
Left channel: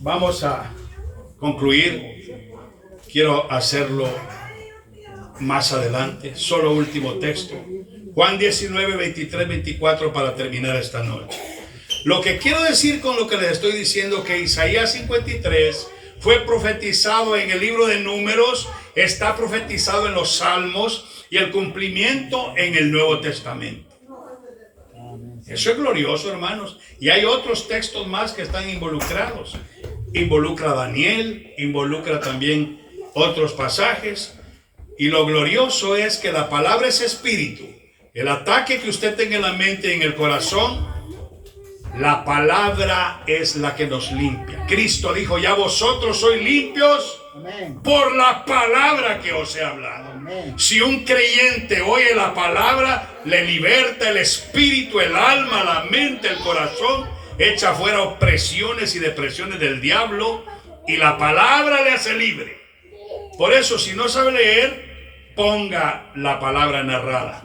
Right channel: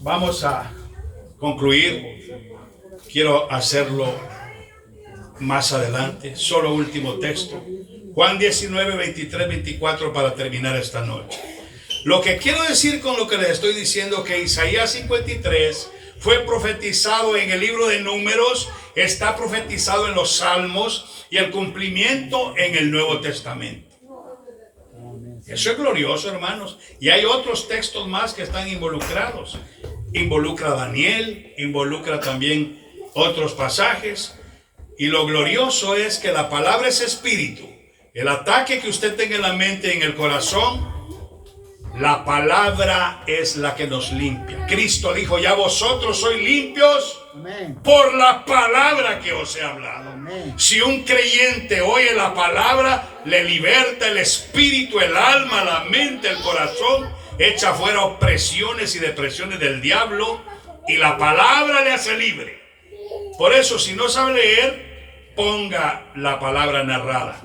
vamos a concluir. Quiero hacerlo más adelante. Solo último texto, Juan 19, 23, 24, para terminar esta noche. Lo que quiero decir con lo que les estoy diciendo, que Isaías 53 fue profetizado en el libro de Números, está profetizado en los Salmos y el cumplimiento en el Nuevo Testamento. Eso es glorioso, hermanos. Y hay otros textos más que están involucrados. Involucra a Daniel, involucra también otros pasajes. Y lo glorioso es que la palabra es espíritu. El ataque que usted tenga en la mente y en el corazón, la palabra es la que nos limpia. Cristo dijo, ya vosotros sois limpios por la palabra que os he hablado. Si un creyente oye la palabra, le liberta el espíritu, el alma, la mente, el corazón, echa fuera opresiones y depresiones del diablo y la palabra le hace libre. Por eso, si no sabe leer, ponga la palabra narrada.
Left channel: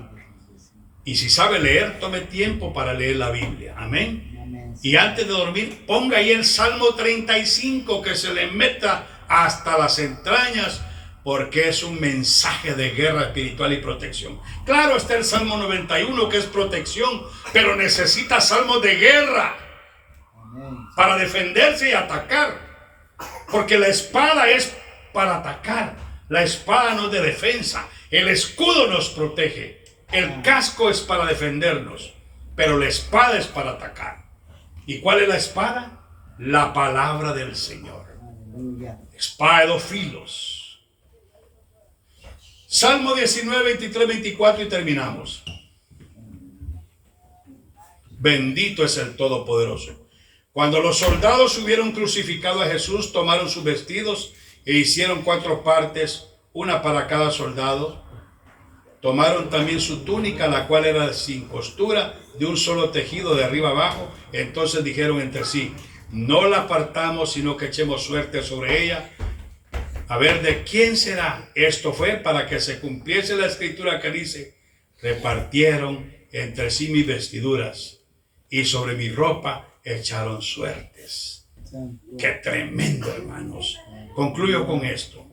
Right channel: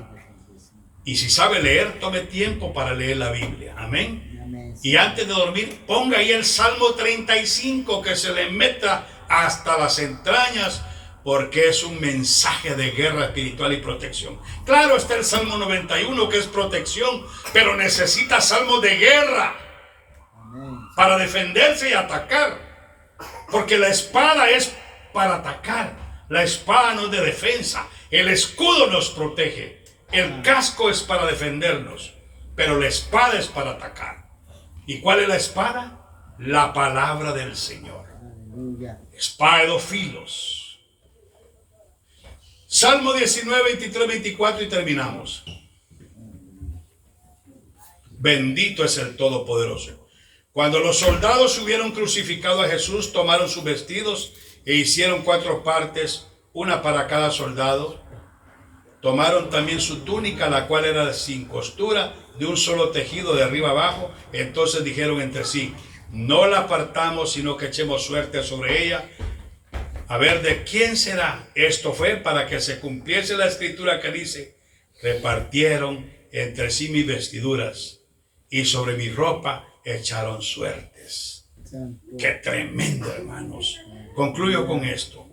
Y si sabe leer, tome tiempo para leer la Biblia. Amén. Y antes de dormir, ponga ahí el Salmo 35, que se le meta hasta las entrañas, porque es un mensaje de guerra espiritual y protección. Claro, está el Salmo 91, que es protección, pero necesita salmos de guerra para defenderse y atacar, porque la espada es para atacar, la espada no es de defensa, el escudo nos protege, el casco es para defendernos, pero la espada es para atacar. ¿Y cuál es la espada? La palabra del Señor. Espada de dos filos. Salmo 19, 23, 24 y terminamos. Bendito es el Todopoderoso. Cuando los soldados hubieron crucificado a Jesús, tomaron sus vestidos e hicieron 4 partes, una para cada soldado. Tomaron también su túnica, la cual era sin costura, de un solo tejido de arriba abajo. Entonces dijeron entre sí, no la apartamos, sino que echemos suerte sobre ella, a ver de quién será. Esto fue para que se cumpliese la escritura que dice, repartieron entre sí mis vestiduras y sobre mi ropa echaron suertes. Qué tremendo, hermanos. Concluyo con esto.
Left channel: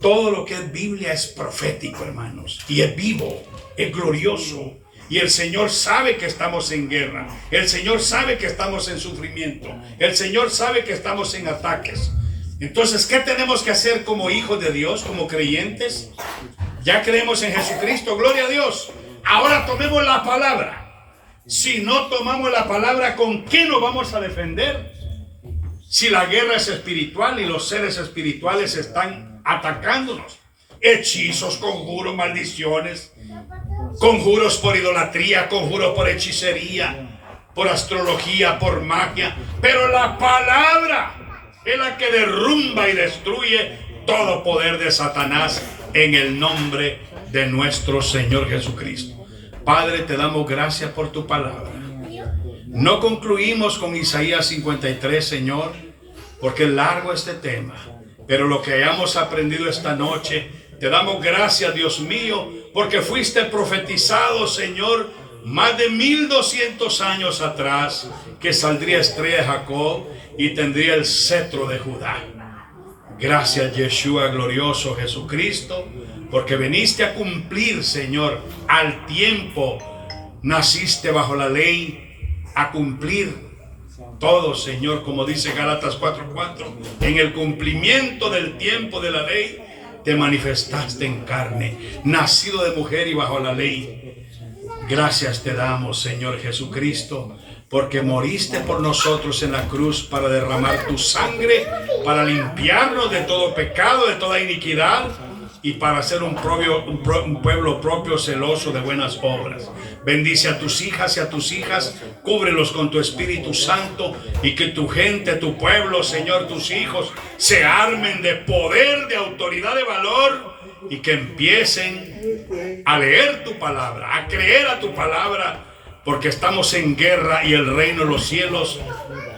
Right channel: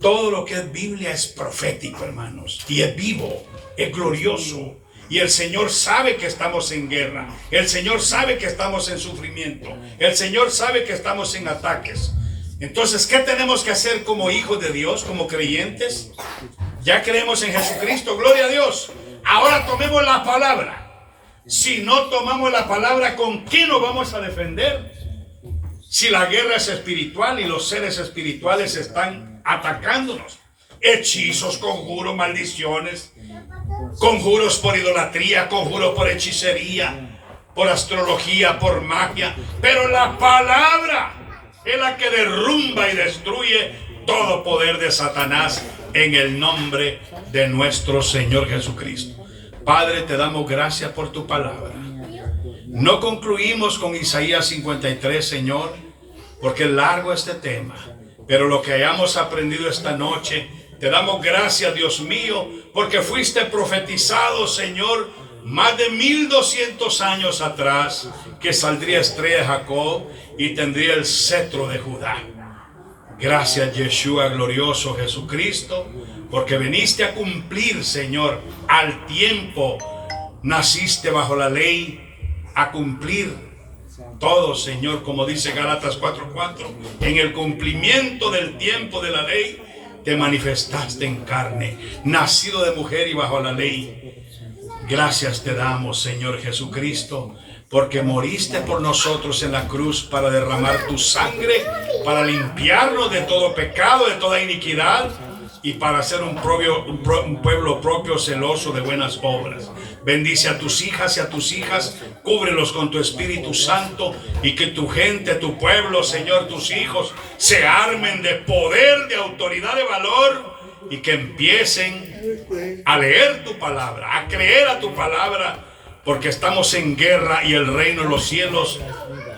Todo lo que es Biblia es profético, hermanos, y es vivo, es glorioso. Y el Señor sabe que estamos en guerra. El Señor sabe que estamos en sufrimiento. El Señor sabe que estamos en ataques. Entonces, ¿qué tenemos que hacer como hijos de Dios, como creyentes? Ya creemos en Jesucristo, gloria a Dios. Ahora tomemos la palabra. Si no tomamos la palabra, ¿con qué nos vamos a defender? Si la guerra es espiritual y los seres espirituales están atacándonos. Hechizos, conjuros, maldiciones, conjuros por idolatría, conjuros por hechicería, por astrología, por magia. Pero la palabra es la que derrumba y destruye todo poder de Satanás en el nombre de nuestro Señor Jesucristo. Padre, te damos gracias por tu palabra. No concluimos con Isaías 53, Señor, porque es largo este tema. Pero lo que hayamos aprendido esta noche, te damos gracias, Dios mío, porque fuiste profetizado, Señor, más de 1200 años atrás, que saldría estrella de Jacob y tendría el cetro de Judá. Gracias, Yeshua glorioso Jesucristo, porque viniste a cumplir, Señor, al tiempo. Naciste bajo la ley a cumplir todo, Señor, como dice Gálatas 4:4. En el cumplimiento del tiempo de la ley, te manifestaste en carne, nacido de mujer y bajo la ley. Gracias te damos, Señor Jesucristo, porque moriste por nosotros en la cruz para derramar tu sangre, para limpiarnos de todo pecado, de toda iniquidad, y para ser un pueblo propio, celoso de buenas obras. Bendice a tus hijas y a tus hijas, cúbrelos con tu Espíritu Santo, y que tu gente, tu pueblo, Señor, tus hijos, se armen de poder, de autoridad, de valor, y que empiecen a leer tu palabra, a creer a tu palabra, porque estamos en guerra y el reino de los cielos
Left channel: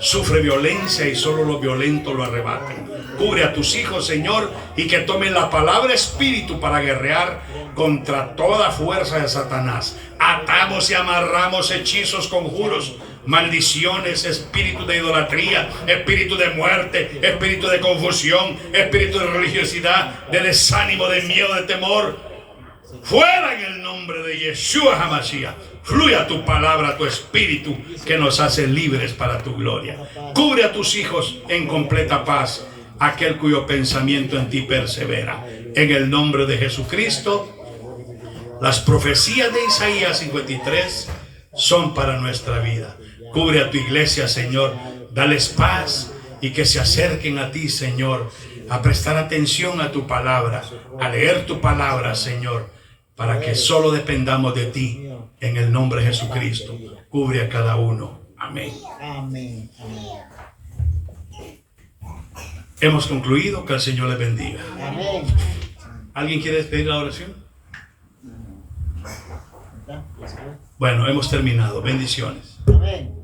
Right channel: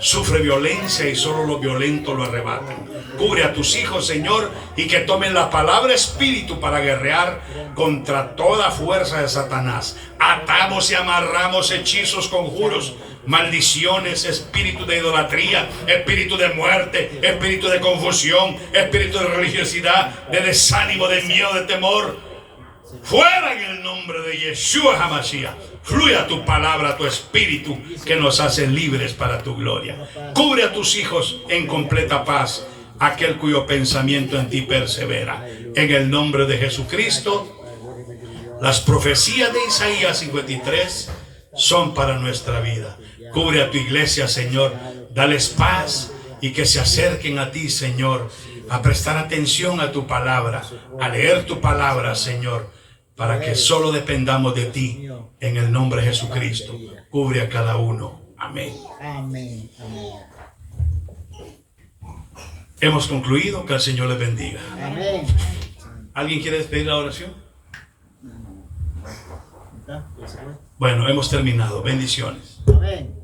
sufre violencia y solo los violentos lo arrebatan. Cubre a tus hijos, Señor, y que tomen la palabra espíritu para guerrear contra toda fuerza de Satanás. Atamos y amarramos hechizos, conjuros, maldiciones, espíritu de idolatría, espíritu de muerte, espíritu de confusión, espíritu de religiosidad, de desánimo, de miedo, de temor. Fuera en el nombre de Yeshua HaMashiach. Fluya tu palabra, tu espíritu, que nos hace libres para tu gloria. Cubre a tus hijos en completa paz, aquel cuyo pensamiento en ti persevera. En el nombre de Jesucristo, las profecías de Isaías 53 son para nuestra vida. Cubre a tu iglesia, Señor. Dales paz y que se acerquen a ti, Señor, a prestar atención a tu palabra, a leer tu palabra, Señor, para que solo dependamos de ti. En el nombre de Jesucristo, cubre a cada uno. Amén. Amén. Amén. Hemos concluido. Que el Señor les bendiga. Amén. ¿Alguien quiere despedir la oración? ¿Está? ¿Ya se fue? Bueno, hemos terminado. Bendiciones. Amén.